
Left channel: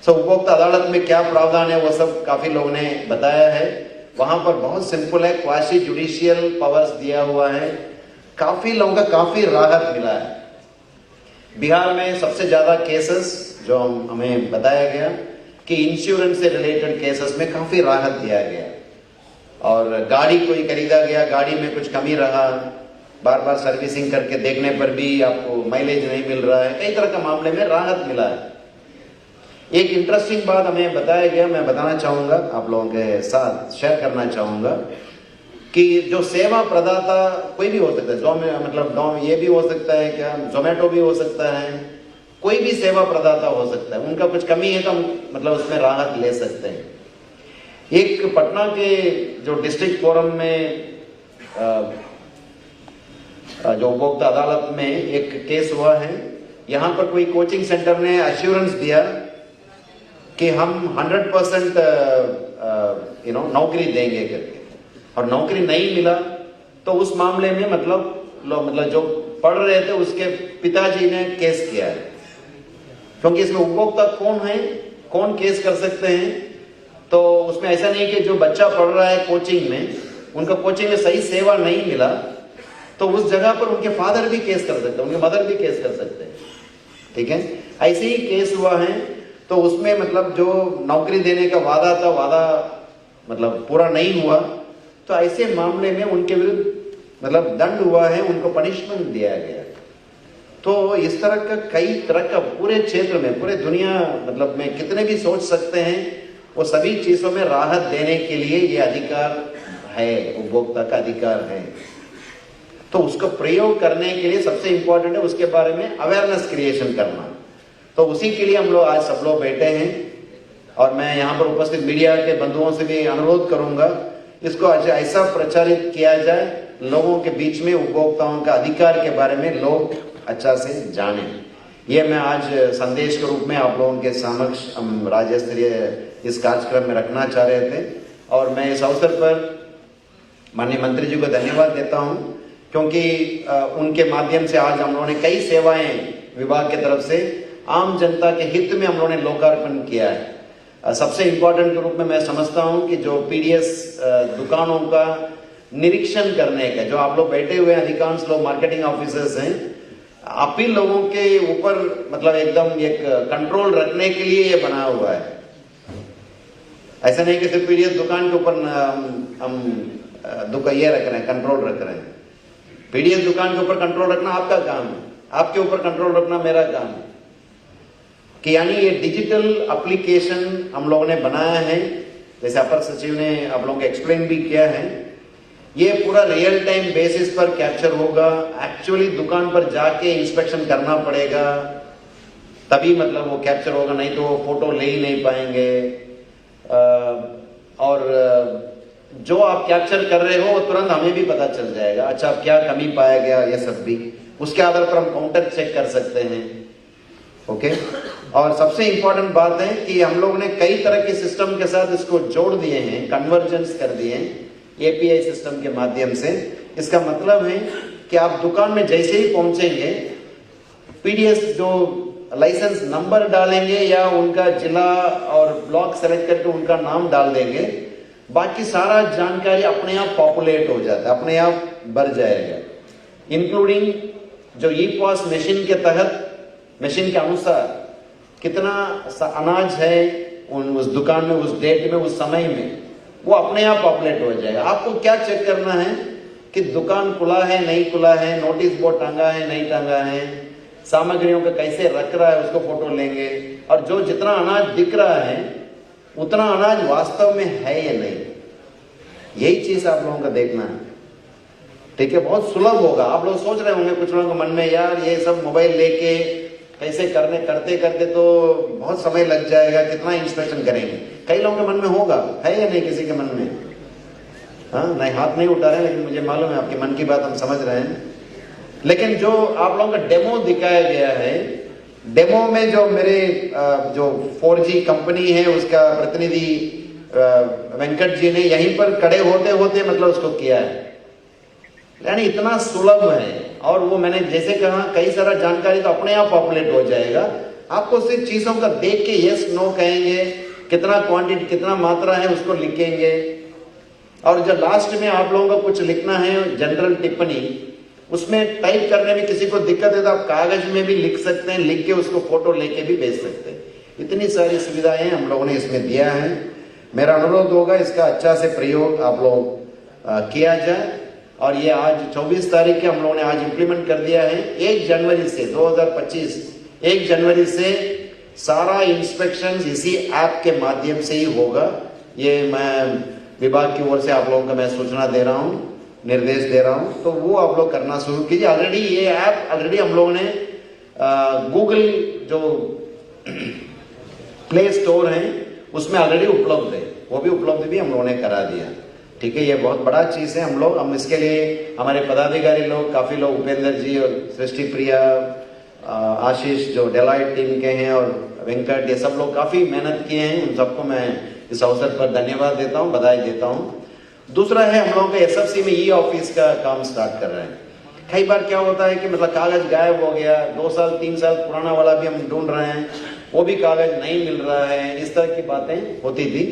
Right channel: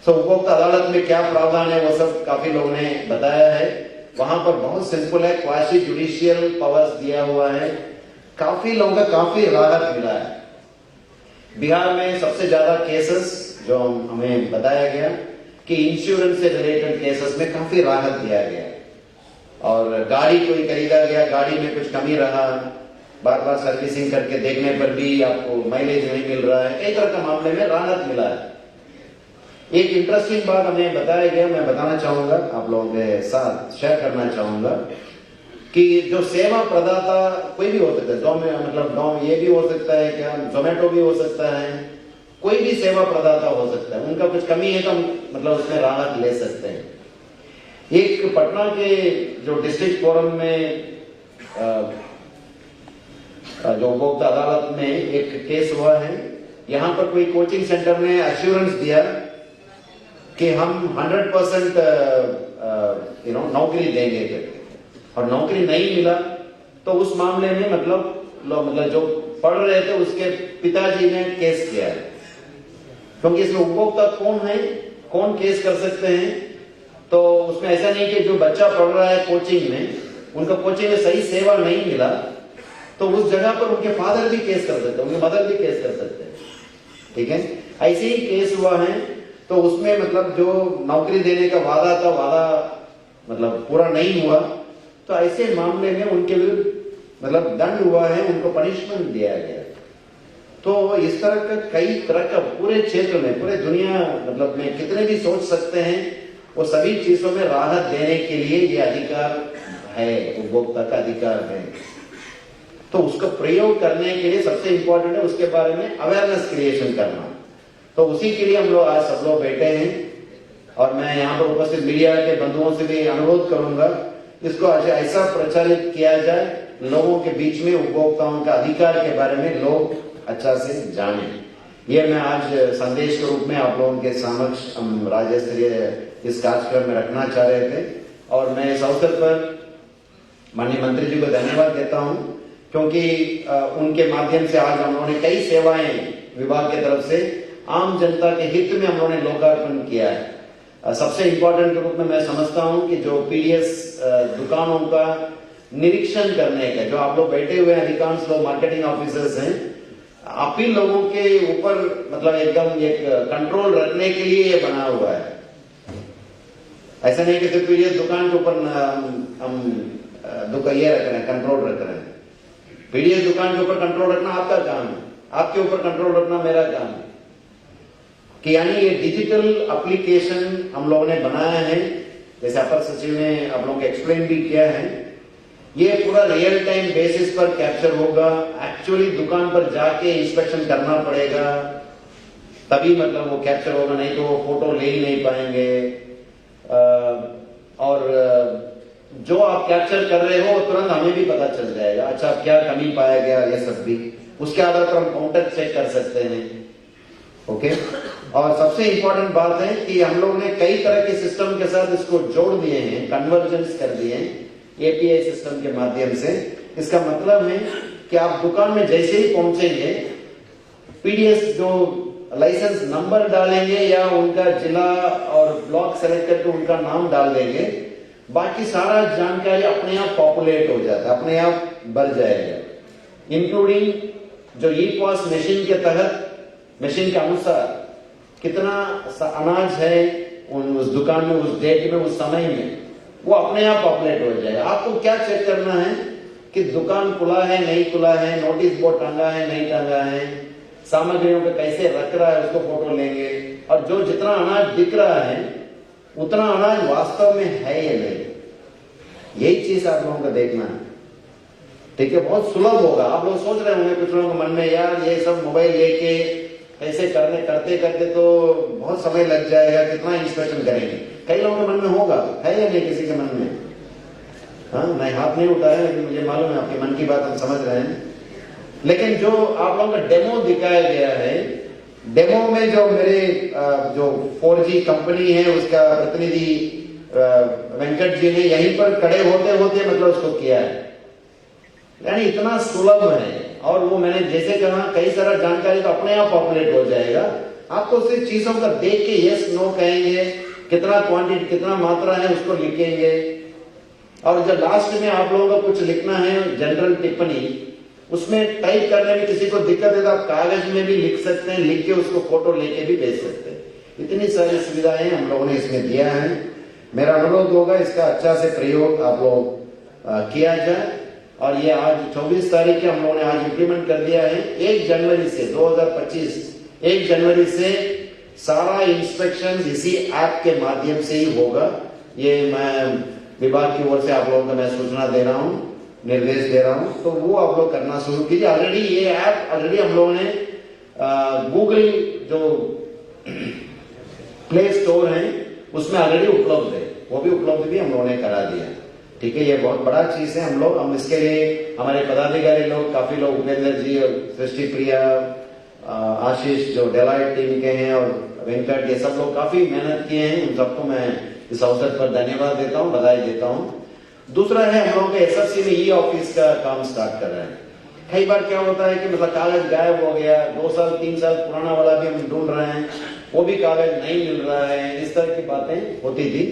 सो उपभोक्ता अदालत में क्या प्रावधान है वो सब काफी लोगों ने बताया है। वहां पर बहुत सिंपल है, क्वासी जुडिशियल पावर्स दिया हुआ है। काफी लोगों का काफी राहत मिला है। बिहार में सबसे ज्यादा केसेस जो हमें बताया गया कि इंश्योरेंस से रिलेटेड केसेस में काफी राहत दिया गया, और गाड़ी कोई खरीदा गया, गाड़ी में कुछ कमी रहा, बार बार सर्विसिंग करके देखने पर भी आपको माइलेज नहीं मिल रहा है, कई तरह के मामले में राहत मिला है। एक इंटरेस्टिंग बात हमें बताया गया, मैं बताना चाहूंगा, आप लोगों के साथ शेयर करना चाहूंगा कि जो सेवा प्रदाता कोई भी हो सकता है, ये भी हो सकता है, क्या जोमेटो भी हो सकता है, कोई भी सेवा प्रदाता हो सकता है, उनका कुछ कमी है तो मतलब उसमें राहत ले सकते हैं। एक पटना के जो डिस्ट्रिक्ट फोरम में जो उपभोक्ता अदालत में एक केस हुआ है, यहां पर कोई कोचिंग सेंटर ने अश्योरेंस दिया कि हम 100% नौकरी देंगे करके, और नौकरी नहीं मिला तो उस मामले में मतलब जो पढ़ रहे थे उसके पिताजी ने केस किया है, क्योंकि इसमें उपभोक्ता कौन है, कौन केस कर सकते हैं। तो उसमें ऐसा नहीं कि जो बच्चा पढ़ रहा है कोचिंग में, उनका कोचिंग में सही सेवा नहीं मिला तो उस जगह पर उनके फादर भी केस कर सकते हैं, उनके मदर भी केस कर सकते हैं, ठीक है। ऐसे ही केस हुआ है, तो उसमें मतलब जो नौकरी देने का वादा था, मतलब पूरा नहीं हुआ, तो ऐसे मामले में उनके विरुद्ध मतलब दंड हुआ है, उनको पनिशमेंट दिया गया। तो इस तरह का कई तरह का पूरे क्षेत्र में, पूरे दुनिया मतलब में कितने भी सोच सकते हैं, वो सभी चीजों में राहत देने के लिए ये अधिकार है, उपभोक्ता का अधिकार है। तो उसका प्रयोग करने के लिए सबसे इंपॉर्टेंट है उसके बारे में अवेयरनेस क्रिएशन करना। तो उसी के लिए हम लोग आज सब लोग बैठे हैं, और मैं यहाँ पर उपस्थित मीडिया के बंधुओं से भी अनुरोध करूंगा, इसको ऐसा प्रचारित किया जाए लोगों के बीच में, उपभोक्ताओं का अधिकार के बारे में लोग अच्छा से जाने। ये मैं आज संदेश के रूप में आप लोगों के समक्ष हम राज्य स्तरीय इस कार्यक्रम में रखना चाह रहे थे, और मैं इस अवसर पर माननीय मंत्री जी को धन्यवाद देता हूं, क्योंकि उनके माध्यम से आज हम लोगों ने कई सेवाएं विभाग की तरफ से आम जनता के हित में हम लोगों ने लोकार्पण किया है। सबसे इंपॉर्टेंट के रूप में मैं समझता हूं कि जो पीडीएस दुकानों का निरीक्षण करने का, जो आप लोग बैठे हुए अधिकांश लोग मार्केटिंग ऑफिसर्स हैं, आप ही लोगों के ऊपर मतलब एकदम एक कंट्रोल रखने के लिए ये बना हुआ है। ऐसा नहीं कि सिर्फ पीडीएस दुकान के ऊपर हम ये रख रहे हैं, कंट्रोल रख रहे हैं। पीडीएस दुकान के ऊपर कंट्रोल रखना आपका काम है, आपके ऊपर कंट्रोल रखना मेरा काम है। कि यानी ये डिजिटल एप्लीकेशन हम लोगों ने बनाया है, जैसे अपर सचिव ने आप लोगों को एक्सप्लेन भी किया है, ये पूरा रियल टाइम बेसिस पर कैप्चर होगा। एक्चुअली दुकान पर जाके इंस्पेक्शन करना पड़ेगा, तभी मतलब वो कैप्चर होगा, नहीं तो वो फोटो ले ही नहीं पाएंगे। और जो आप कैप्चर कर रहे हो वो तुरंत हमें भी पता चल जाएगा, अच्छा क्या कमी पाया गया, ये सब भी उसके आधार पर हम काउंटर चेक कर सकते हैं। ओके, और सबसे इंपॉर्टेंट बात है कि हम लोग ने कई तरह के सिस्टम के साथ इसको जोड़ दिए हैं, कन्वर्जेंस कर दिए हैं एपीआई सिस्टम के माध्यम से। इसका मतलब है कि आप दुकान में जैसे ही पहुंचेंगे, पीडीएस जो लाइसेंस नंबर डालेंगे या उनका जिला और ब्लॉक सेलेक्ट करके उनका नाम डाल देंगे, बाकी सारा जानकारी अपने आप पॉपुलेट हो जाता है, अपने आप भर जाएगा, इंक्लूडिंग जो ई पॉस मशीन के तहत, मशीन के अनुसार कितना अनाज है उस दुकान में, उस डेट में, उस समय में, वो अपने आप पॉपुलेट हो जाएगा। आपको क्या चेक करना है कि दुकान खुला है नहीं खुला है, नोटिस बोर्ड टांगा है नहीं टांगा है, सामग्रियों पे कैसे रख रहा है उसको फोटो लेंगे, और जो जितना अनाज दिख रहा है उतना अनाज वास्तव में है या नहीं, यही चीज आप लोगों को देखना है। ठीक है, बहुत सुलभ होगा। आप लोग सोच रहे होंगे कुछ लोगों के मन में, यार ये सब मोबाइल लेके कैसे करते करते तो बहुत समय लग जाएगा, कितना इंस्पेक्शन करेंगे। कई लोगों के मन में होगा, है या नहीं किसी के मन में? हाँ, मैं हाथ नहीं उठा रहे, लेकिन मुझे मालूम है आपके मन की बात हम समझ रहे हैं। लेकिन जो आप लोगों का डेमो दिखाया गया है, डेमो में जो मेरे जो 4G कंपनी है उसका प्रतिनिधि वेंकट जी ने यहीं पर खड़े होते होते मतलब उसको किया है, यानी इतना सुलभ है। और वो मैंने जैसे कहा, कई सारा जानकारी तो अपने आप पॉपुलेट हो जाएगा। आपको सिर्फ चीजों का देख के यस नो कहेंगे, कितना क्वांटिटी कितना मात्रा है उसको लिखेंगे, और जब लास्ट में आप लोगों को कुछ लिखना है जनरल टिप्पणी, उसमें टाइप करने में किसी को दिक्कत है तो आप कागज में भी लिख सकते हैं, लिख के उसको फोटो लेके भी भेज सकते हैं। इतनी सारी सुविधाएं हम लोगों ने इसमें दिया है। मेरा अनुरोध होगा इसका अच्छा से प्रयोग आप लोग किया जाए। और ये आज 24 तारीख के हम लोगों ने आज इम्प्लीमेंट कर दिया है। 1 जनवरी से 2025 1 जनवरी से सारा इंस्पेक्शन इसी ऐप के माध्यम से ही होगा। ये मैं विभाग की ओर से आप लोगों को मैं सूचना दे रहा हूं, निर्देश दे रहा हूं, तो वो आप लोग करना शुरू कीजिए। ऑलरेडी ये ऐप ऑलरेडी हम लोगों ने गूगल जो प्ले स्टोर है उसमें ऑलरेडी उपलब्ध है, वो भी उपलब्ध भी हम लोगों ने करा दिया। ठीक है, ये बहुत बड़ा चीज है। हम इसके लिए हमारे पदाधिकारी लोग काफी लोग, उपेंद्र जी और सृष्टि प्रिया, आशीष जो डेलाइट टीम के हैं और वेंकट, ये सब लोग काफी मेहनत किए हैं। उन सबको मैं इस अवसर पर धन्यवाद देता हूं, बधाई देता हूं। दूसरा है, हम लोगों के एसएफसी में ई ऑफिस का काम स्टार्ट कर रहे हैं। कई बार क्या होता है कि मतलब कागज गायब हो गया, 2 साल 3 साल पुराना वाला भी हम ढूंढ रहे हैं, वो भी कागज नहीं मिल रहा है, इस तरह की बातें होती थी।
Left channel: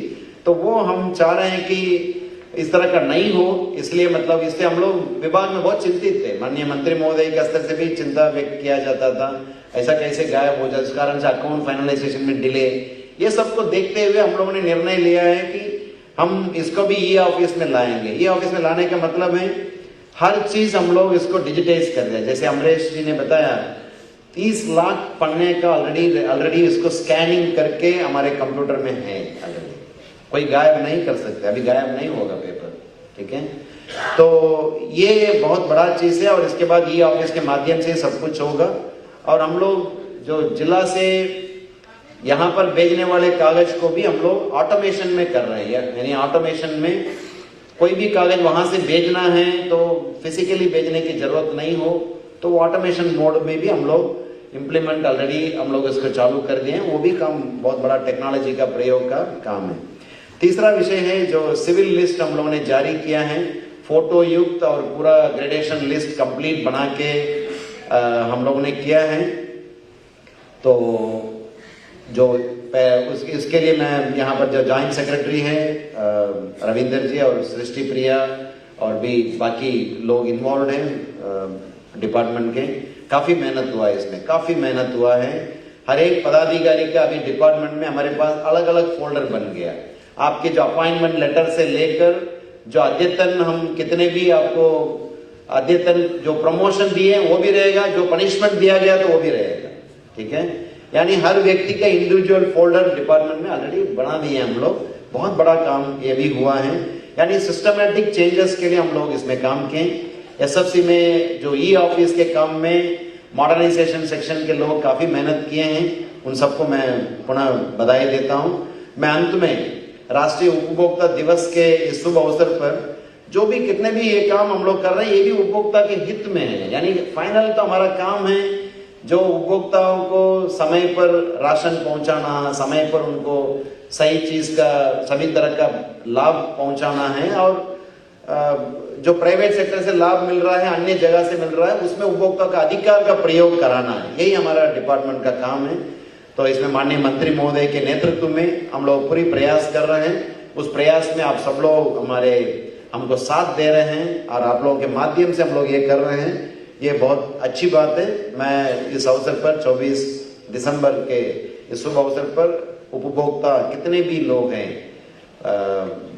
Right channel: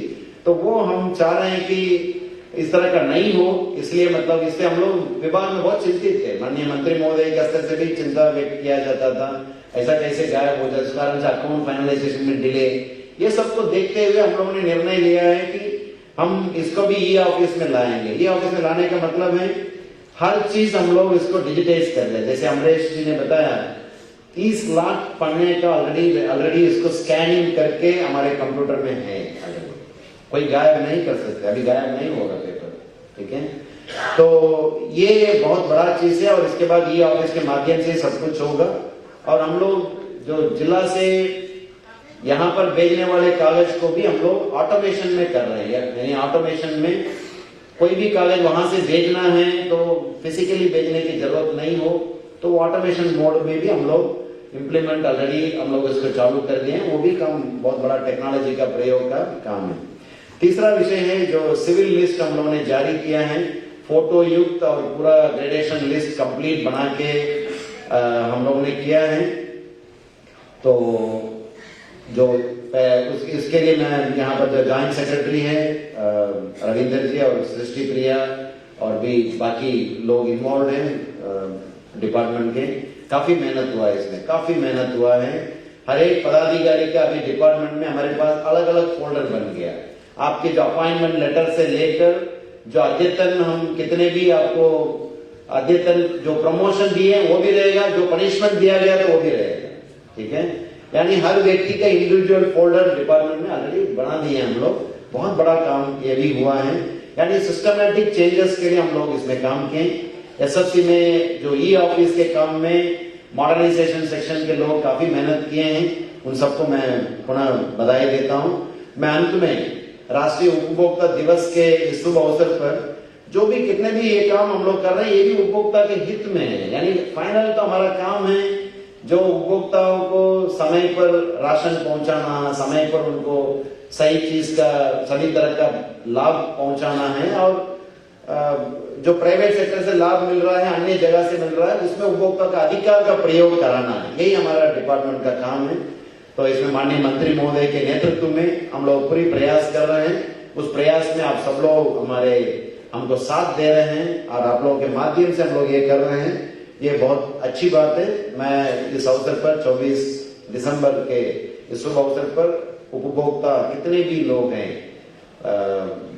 तो वो हम चाह रहे हैं कि इस तरह का नहीं हो, इसलिए मतलब इससे हम लोग विभाग में बहुत चिंतित थे। माननीय मंत्री महोदय के स्तर से भी चिंता व्यक्त किया जाता था, ऐसा कैसे गायब हो जाए, इस कारण से अकाउंट फाइनलाइजेशन में डिले। ये सबको देखते हुए हम लोगों ने निर्णय लिया है कि हम इसको भी ई ऑफिस में लाएंगे। ई ऑफिस में लाने का मतलब है हर चीज हम लोग इसको डिजिटाइज कर रहे हैं। जैसे अमरेश जी ने बताया, 30 लाख पन्ने का ऑलरेडी इसको स्कैनिंग करके हमारे कंप्यूटर में है। कोई गायब नहीं कर सकते, अभी गायब नहीं होगा पेपर। ठीक है, तो ये बहुत बड़ा चीज है। और इसके बाद ई ऑफिस के माध्यम से सब कुछ होगा। और हम लोग जो जिला से यहां पर भेजने वाले कागज को भी हम लोग ऑटोमेशन में कर रहे हैं। यानी ऑटोमेशन में कोई भी कागज वहां से भेजना है तो फिजिकली भेजने की जरूरत नहीं हो, तो ऑटोमेशन मोड में भी हम लोग इम्प्लीमेंट ऑलरेडी हम लोग इसको चालू कर दिए हैं। वो भी काम बहुत बड़ा टेक्नोलॉजी का प्रयोग का काम है। तीसरा विषय है जो सिविल लिस्ट हम लोगों ने जारी किया है, फोटो युक्त और पूरा ग्रेडेशन लिस्ट कंप्लीट बना के हम लोगों ने किया है। तो जो इसके लिए मैं यहाँ पर जो ज्वाइंट सेक्रेटरी है रविंदर जी और सृष्टि प्रिया और भी बाकी लोग इन्वॉल्व हैं डिपार्टमेंट के, काफी मेहनत हुआ है इसमें, काफी मेहनत हुआ है। हर एक पदाधिकारी का अभी डिपार्टमेंट में हमारे पास अलग अलग फोल्डर बन गया। आपके जो अपॉइंटमेंट लेटर से लेकर जो अद्यतन हम कितने भी आपको अद्यतन जो प्रमोशन दिए वो भी रहेगा, जो पनिशमेंट दिया गया तो वो भी रहेगा। ठीक है, यानी हर व्यक्ति का इंडिविजुअल फोल्डर डिपार्टमेंट में ऑलरेडी बना दिए हम लोग। बहुत बड़ा काम ये भी हुआ है। यानी सिस्टमैटिक चेंजेस के लिए हम लोग इसमें काम किए। एसएफसी में जो ई ऑफिस के काम में मॉडर्नाइजेशन सेक्शन के लोग काफी मेहनत किए हैं, उन सबको मैं पुनः बधाई देता हूं। मैं अंत में राष्ट्रीय उपभोक्ता दिवस के इस शुभ अवसर पर जो भी कितने भी ये काम हम लोग कर रहे हैं, ये भी उपभोक्ता के हित में है। यानी फाइनल तो हमारा काम है जो उपभोक्ताओं को समय पर राशन पहुंचाना, समय पर उनको सही चीज का सभी तरह का लाभ पहुंचाना है। और जो प्राइवेट सेक्टर से लाभ मिल रहा है, अन्य जगह से मिल रहा है, उसमें उपभोक्ता का अधिकार का प्रयोग कराना है। यही हमारा डिपार्टमेंट का काम है। तो इसमें माननीय मंत्री महोदय के नेतृत्व में हम लोग पूरी प्रयास कर रहे हैं। उस प्रयास में आप सब लोग हमको साथ दे रहे हैं और आप लोगों के माध्यम से हम लोग ये कर रहे हैं। ये बहुत अच्छी बात है। मैं इस अवसर पर 24 दिसंबर के इस शुभ अवसर पर उपभोक्ता कितने भी लोग हैं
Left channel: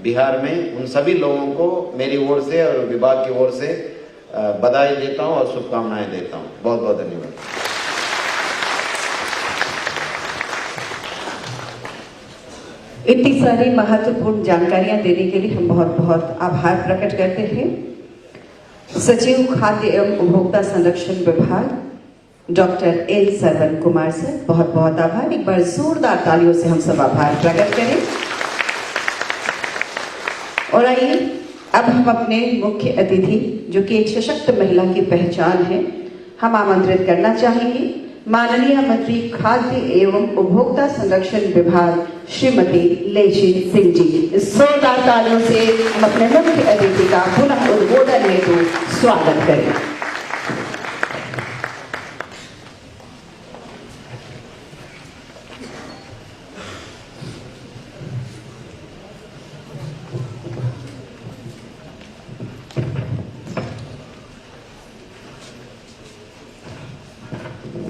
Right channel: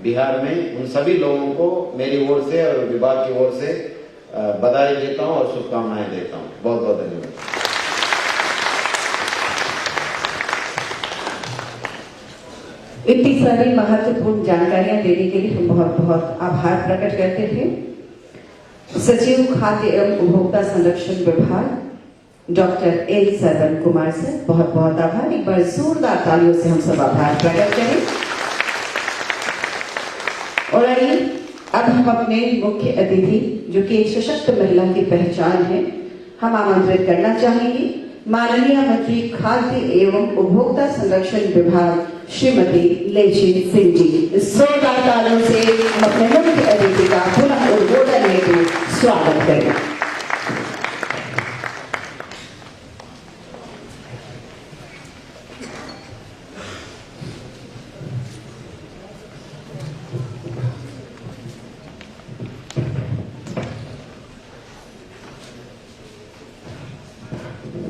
बिहार में, उन सभी लोगों को मेरी ओर से और विभाग की ओर से बधाई देता हूं और शुभकामनाएं देता हूं। बहुत बहुत धन्यवाद। इतनी सारी महत्वपूर्ण जानकारियां देने के लिए हम बहुत बहुत आभार प्रकट करते हैं। सचिव खाद्य एवं उपभोक्ता संरक्षण विभाग doctor L Saravan Kumar sir, बहुत बहुत आभार। एक बार जोरदार तालियों से हम सब आभार प्रकट करें। और आइए अब हम अपने मुख्य अतिथि जो कि एक सशक्त महिला की पहचान है, हम आमंत्रित करना चाहेंगे माननीय मंत्री खाद्य एवं उपभोक्ता संरक्षण विभाग श्रीमती लेजिन सिंह जी। जोरदार तालियों से हम अपने मुख्य अतिथि का पुनः उद्बोधन हेतु स्वागत करें।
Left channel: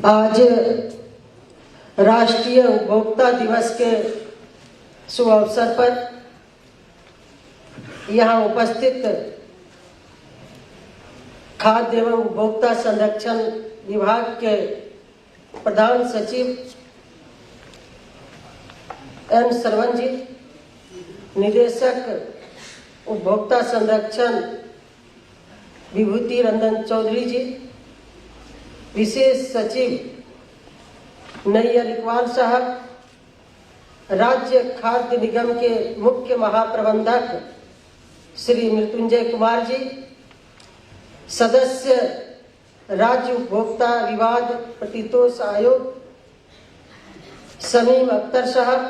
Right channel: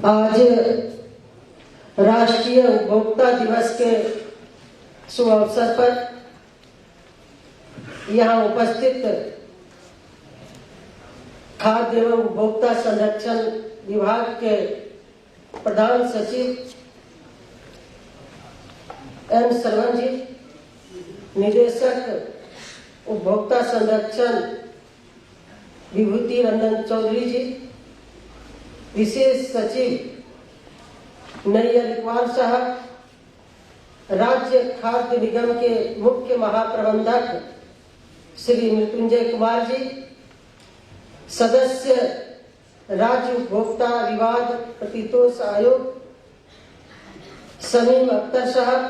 आज राष्ट्रीय उपभोक्ता दिवस के शुभ अवसर पर यहाँ उपस्थित खाद्य एवं उपभोक्ता संरक्षण विभाग के प्रधान सचिव एम सरवण जी, निदेशक उपभोक्ता संरक्षण विभूति रंजन चौधरी जी, विशेष सचिव नैयर इकबाल साहब, राज्य खाद्य निगम के मुख्य महाप्रबंधक श्री मृत्युंजय कुमार जी, सदस्य राज्य उपभोक्ता विवाद प्रतितोष आयोग समीम अख्तर साहब,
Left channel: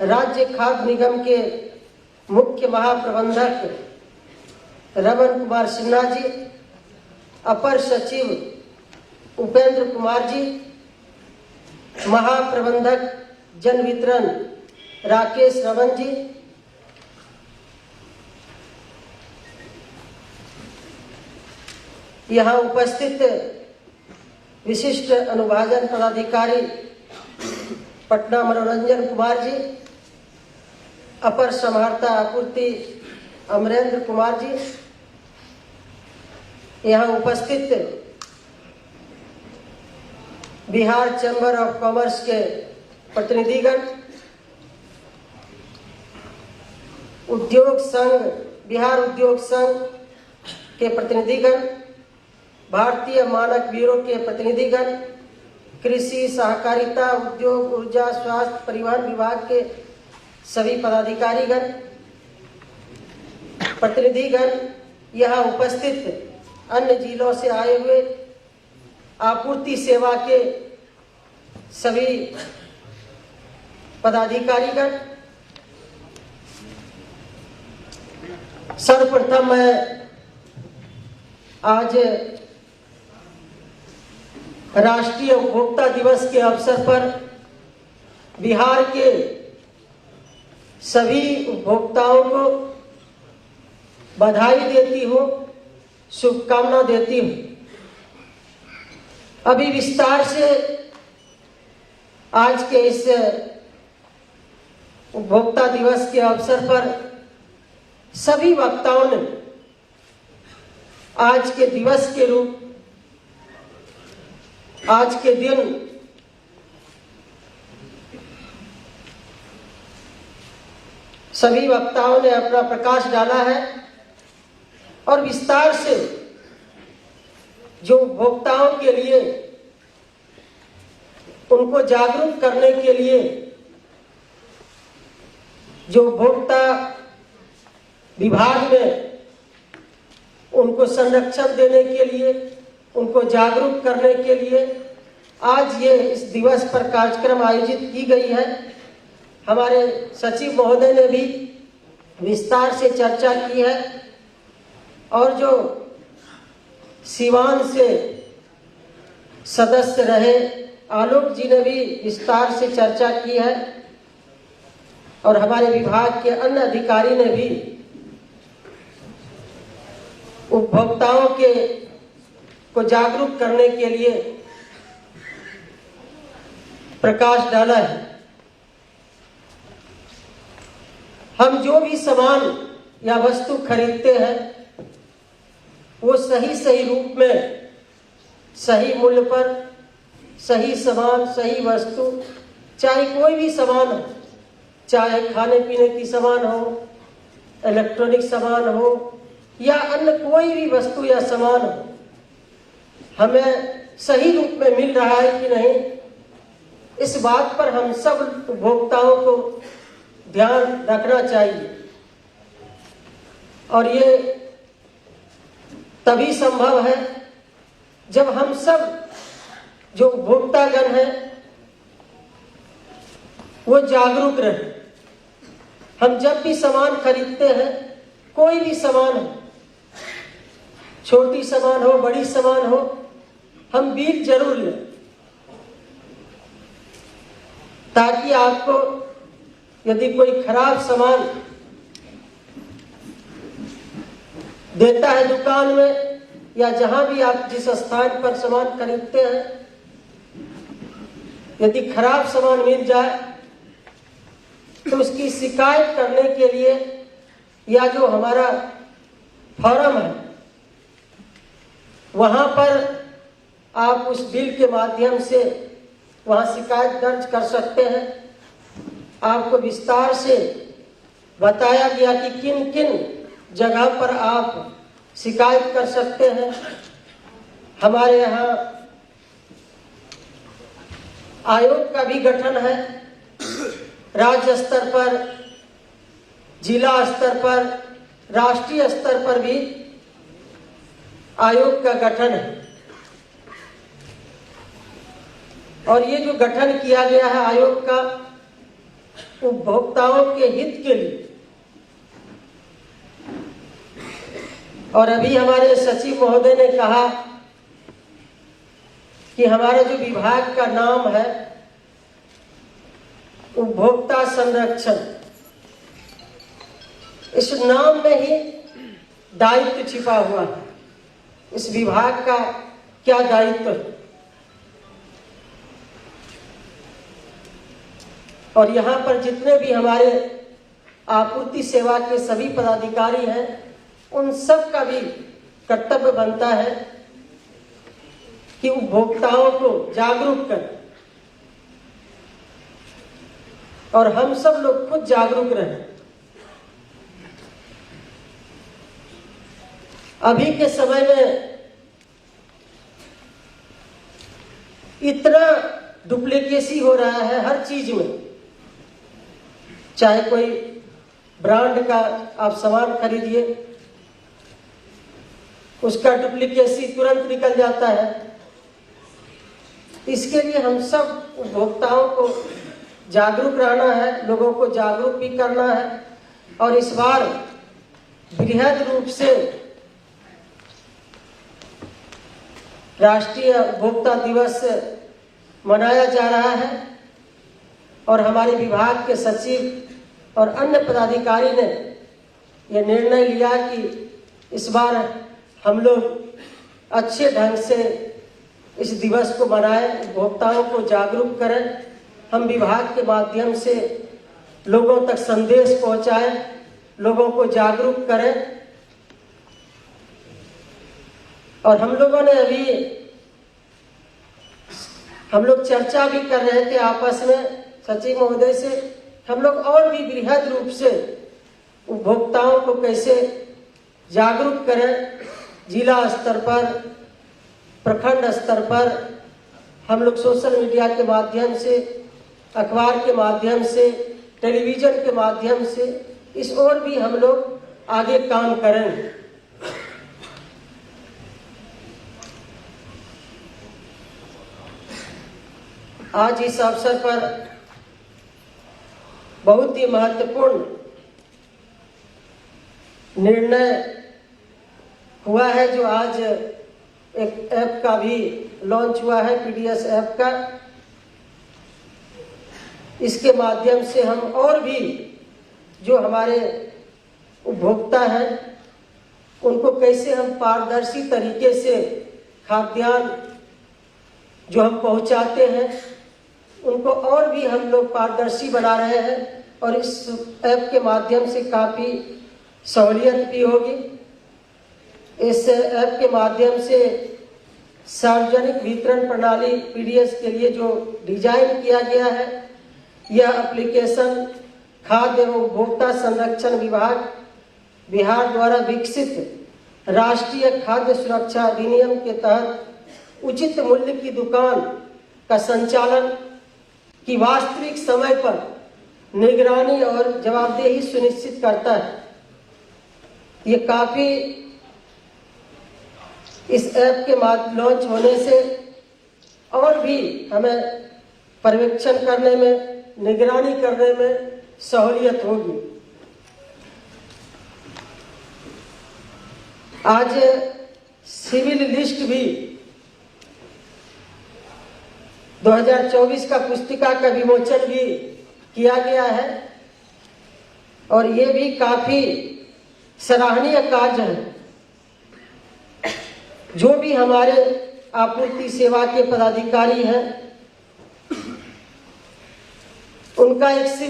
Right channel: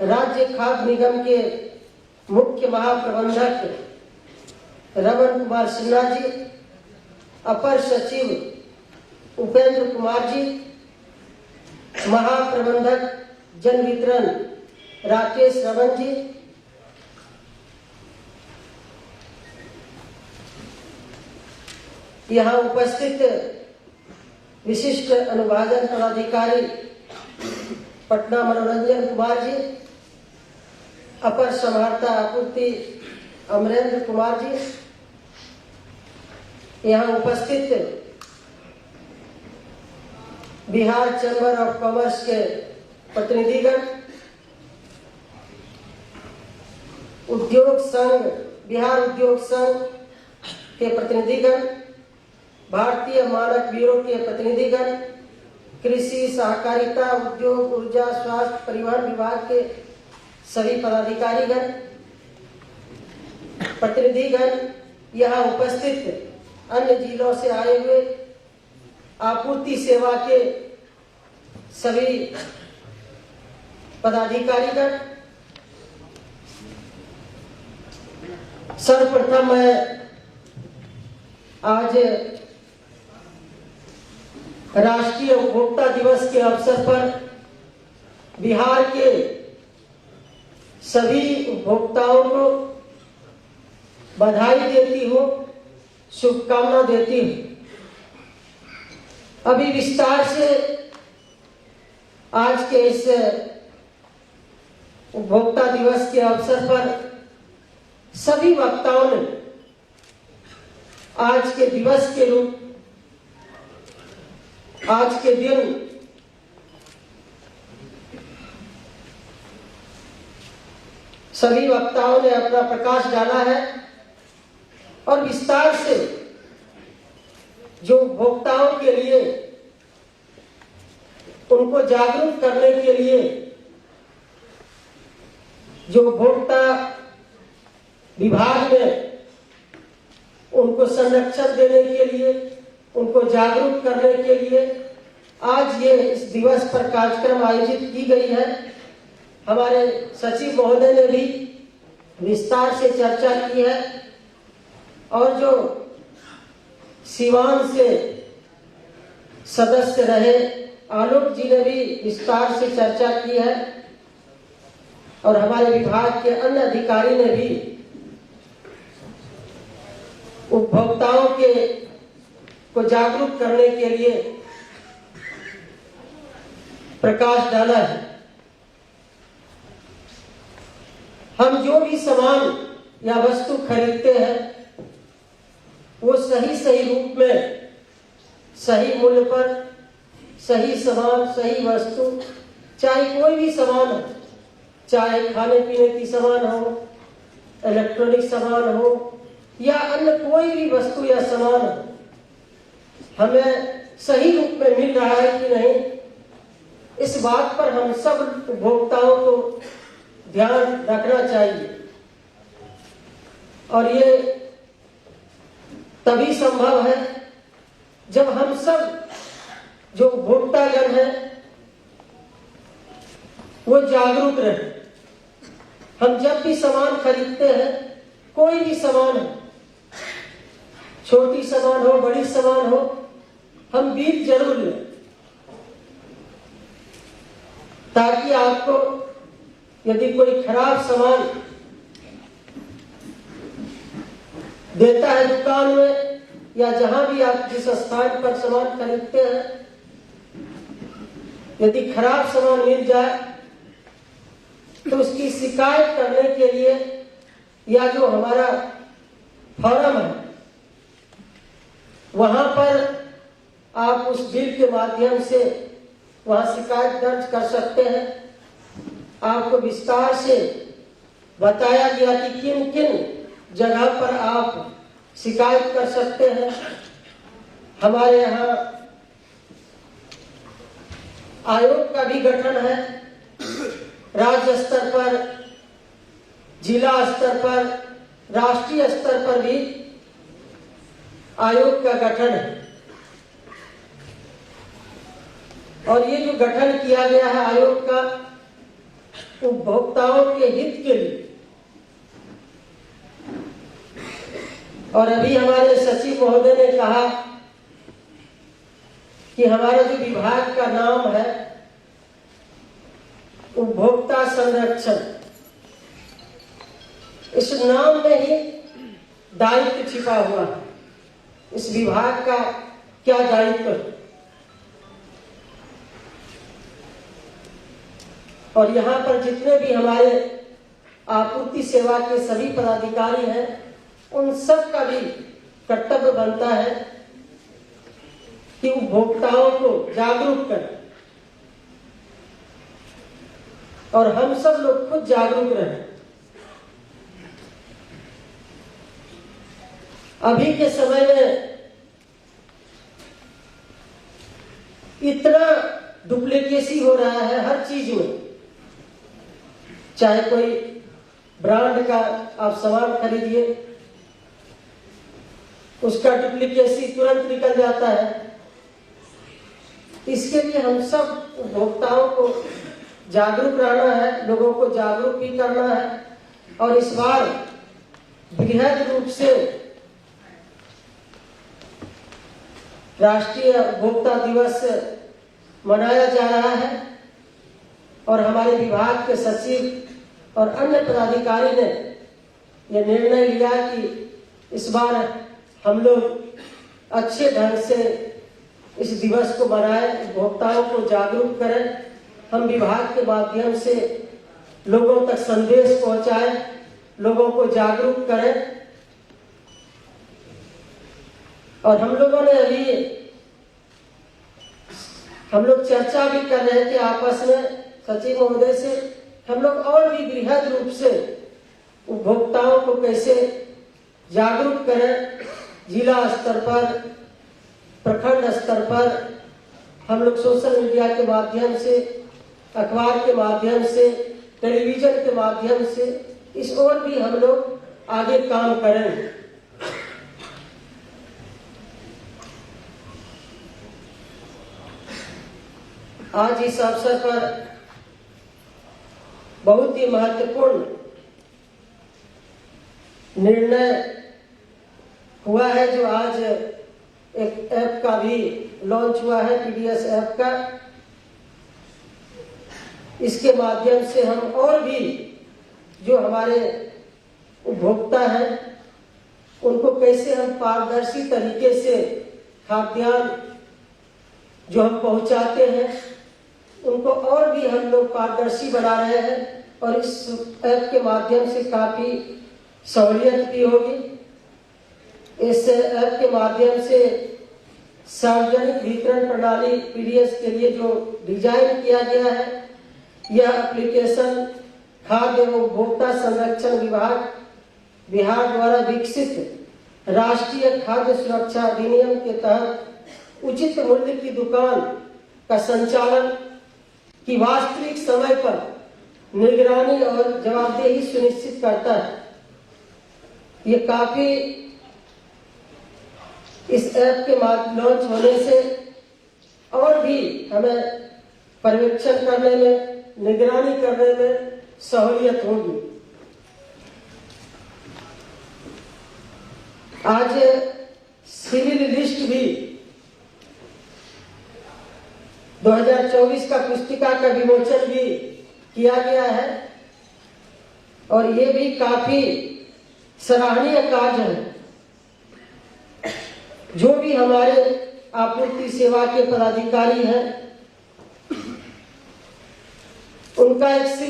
राज्य खाद्य निगम के मुख्य महाप्रबंधक रमन कुमार सिन्हा जी, अपर सचिव उपेंद्र कुमार जी, महाप्रबंधक जन वितरण राकेश रमन जी, यहाँ उपस्थित विशिष्ट अनुभाजन पदाधिकारी पटना मनोरंजन कुमार जी, अपर समाहर्ता आपूर्ति अमरेंद्र कुमार जी, यहाँ उपस्थित बिहार चैम्बर ऑफ कॉमर्स के प्रतिनिधिगण, उद्योग संघ बिहार उद्योग संघ के प्रतिनिधिगण, भारतीय मानक ब्यूरो के प्रतिनिधिगण, कृषि सहकारिता उद्योग ऊर्जा स्वास्थ्य परिवहन विभाग के सभी पदाधिकारीगण, प्रतिनिधिगण, यहाँ उपस्थित अन्य जिलों से आए हुए आपूर्ति सेवा के सभी पदाधिकारीगण, सर्वप्रथम मैं आज राष्ट्रीय उपभोक्ता दिवस के अवसर पर बिहार के सभी उपभोक्ताओं को बधाई देती हूँ, शुभकामना देती हूँ। अभी विस्तार से आज के इस उपभोक्ता दिवस के अवसर पर सभी वक्ताओं ने आज के दिवस के रूप आज के दिन सभी वक्ताओं ने अपना प्रकाश डाला है और विस्तार से जो उपभोक्ताओं के लिए उनको जागरूक करने के लिए जो उपभोक्ता विभाग में उनको संरक्षण देने के लिए, उनको जागरूक करने के लिए आज ये इस दिवस पर कार्यक्रम आयोजित की गई है। हमारे सचिव महोदय ने भी विस्तार से चर्चा की है और जो सिवान से सदस्य रहे आलोक जी ने भी विस्तार से चर्चा की है और हमारे विभाग के अन्य अधिकारी ने भी उपभोक्ताओं को जागरूक करने के लिए प्रकाश डाला है। हम जो भी सामान या वस्तु खरीदते हैं वो सही सही रूप में, सही मूल्य पर, सही सामान, सही वस्तु, चाहे कोई भी सामान हो, चाहे खाने पीने की सामान हो, इलेक्ट्रॉनिक सामान हो या अन्य कोई भी वस्तु या सामान हो, हमें सही रूप में मिल रहा है कि नहीं, इस बात पर हम सब उपभोक्ताओं को ध्यान रखना चाहिए। और ये तभी संभव है जब हम सब जो उपभोक्तागण हैं वो जागरूक रहें। हम जब भी सामान खरीदते हैं, कोई भी सामान हो, छोटी सामान हो, बड़ी सामान हो, हम बिल जरूर लें ताकि आपको यदि कोई खराब सामान देता है दुकान में या जहां भी आप जिस स्थान पर सामान खरीदते हैं, यदि खराब सामान मिल जाए तो उसकी शिकायत करने के लिए या जो हमारा फॉरम है वहां पर आप उस बिल के माध्यम से वहां शिकायत दर्ज कर सकते हैं। आपको विस्तार से बताया गया कि किन किन जगह पर आप शिकायत कर सकते हैं। हमारे यहाँ आयोग का भी गठन है, राज्य स्तर पर, जिला स्तर पर, राष्ट्रीय स्तर पर भी आयोग का गठन है। और ये जो गठन किया गया है आयोग का, उपभोक्ताओं के हित के लिए। और अभी हमारे सचिव महोदय ने कहा कि हमारा जो विभाग का नाम है उपभोक्ता संरक्षण, इस नाम में ही दायित्व छिपा हुआ है। इस विभाग का क्या दायित्व है? और यहाँ पर जितने भी हमारे आपूर्ति सेवा के सभी पदाधिकारी हैं, उन सब का भी कर्तव्य बनता है कि उपभोक्ताओं को जागरूक करें और हम सब लोग खुद जागरूक रहें। अभी के समय में इतना डुप्लीकेसी हो रहा है हर चीज में। चाहे कोई ब्रांड का आप सामान खरीदिए, उसका डुप्लीकेसी तुरंत निकल जाता है। इसके लिए हम सब उपभोक्ताओं को जागरूक रहना है, लोगों को जागरूक भी करना है। और इस बार बृहद रूप से राष्ट्रीय उपभोक्ता दिवस मनाया जा रहा है और हमारे विभाग के सचिव और अन्य पदाधिकारी ने यह निर्णय लिया कि इस बार हम लोग अच्छे ढंग से इस दिवस को मनाएं, उपभोक्ताओं को जागरूक करें। हम विभाग के माध्यम से लोगों तक संदेश पहुंचाएं, लोगों को जागरूक करें। और हम लोगों ने अभी हम लोग चर्चा भी कर रहे थे आपस में सचिव महोदय से, हम लोग और भी बृहद रूप से उपभोक्ताओं को कैसे जागरूक करें। जिला स्तर पर, प्रखंड स्तर पर हम लोग सोशल मीडिया के माध्यम से, अखबार के माध्यम से, टेलीविजन के माध्यम से इस ओर भी हम लोग आगे काम करें। आज इस अवसर पर बहुत ही महत्वपूर्ण निर्णय हुआ है, जो आज एक ऐप का भी लॉन्च हुआ है, पीडीएस ऐप का। इसके माध्यम से हम और भी जो हमारे उपभोक्ता हैं उनको कैसे हम पारदर्शी तरीके से खाद्यान्न जो हम पहुंचाते हैं उनको और भी हम लोग पारदर्शी बना रहे हैं। और इस ऐप के माध्यम से काफी सहूलियत भी होगी। इस ऐप के माध्यम से सार्वजनिक वितरण प्रणाली पीडीएस के लिए जो डिजाइन किया गया है, यह एप्लीकेशन खाद्य एवं उपभोक्ता संरक्षण विभाग बिहार द्वारा विकसित राष्ट्रीय खाद्य सुरक्षा अधिनियम के तहत उचित मूल्य की दुकान का संचालन की वास्तविक समय पर निगरानी और जवाबदेही सुनिश्चित करता है। ये काफी इस ऐप के लॉन्च होने से और भी हमें पर्यवेक्षण करने में, निगरानी करने में सहूलियत होगी। आज सिविल लिस्ट भी 2024 का पुस्तिका का विमोचन भी किया गया है और ये भी काफी सराहनीय कार्य है। जो भी हमारे आपूर्ति सेवा के पदाधिकारी हैं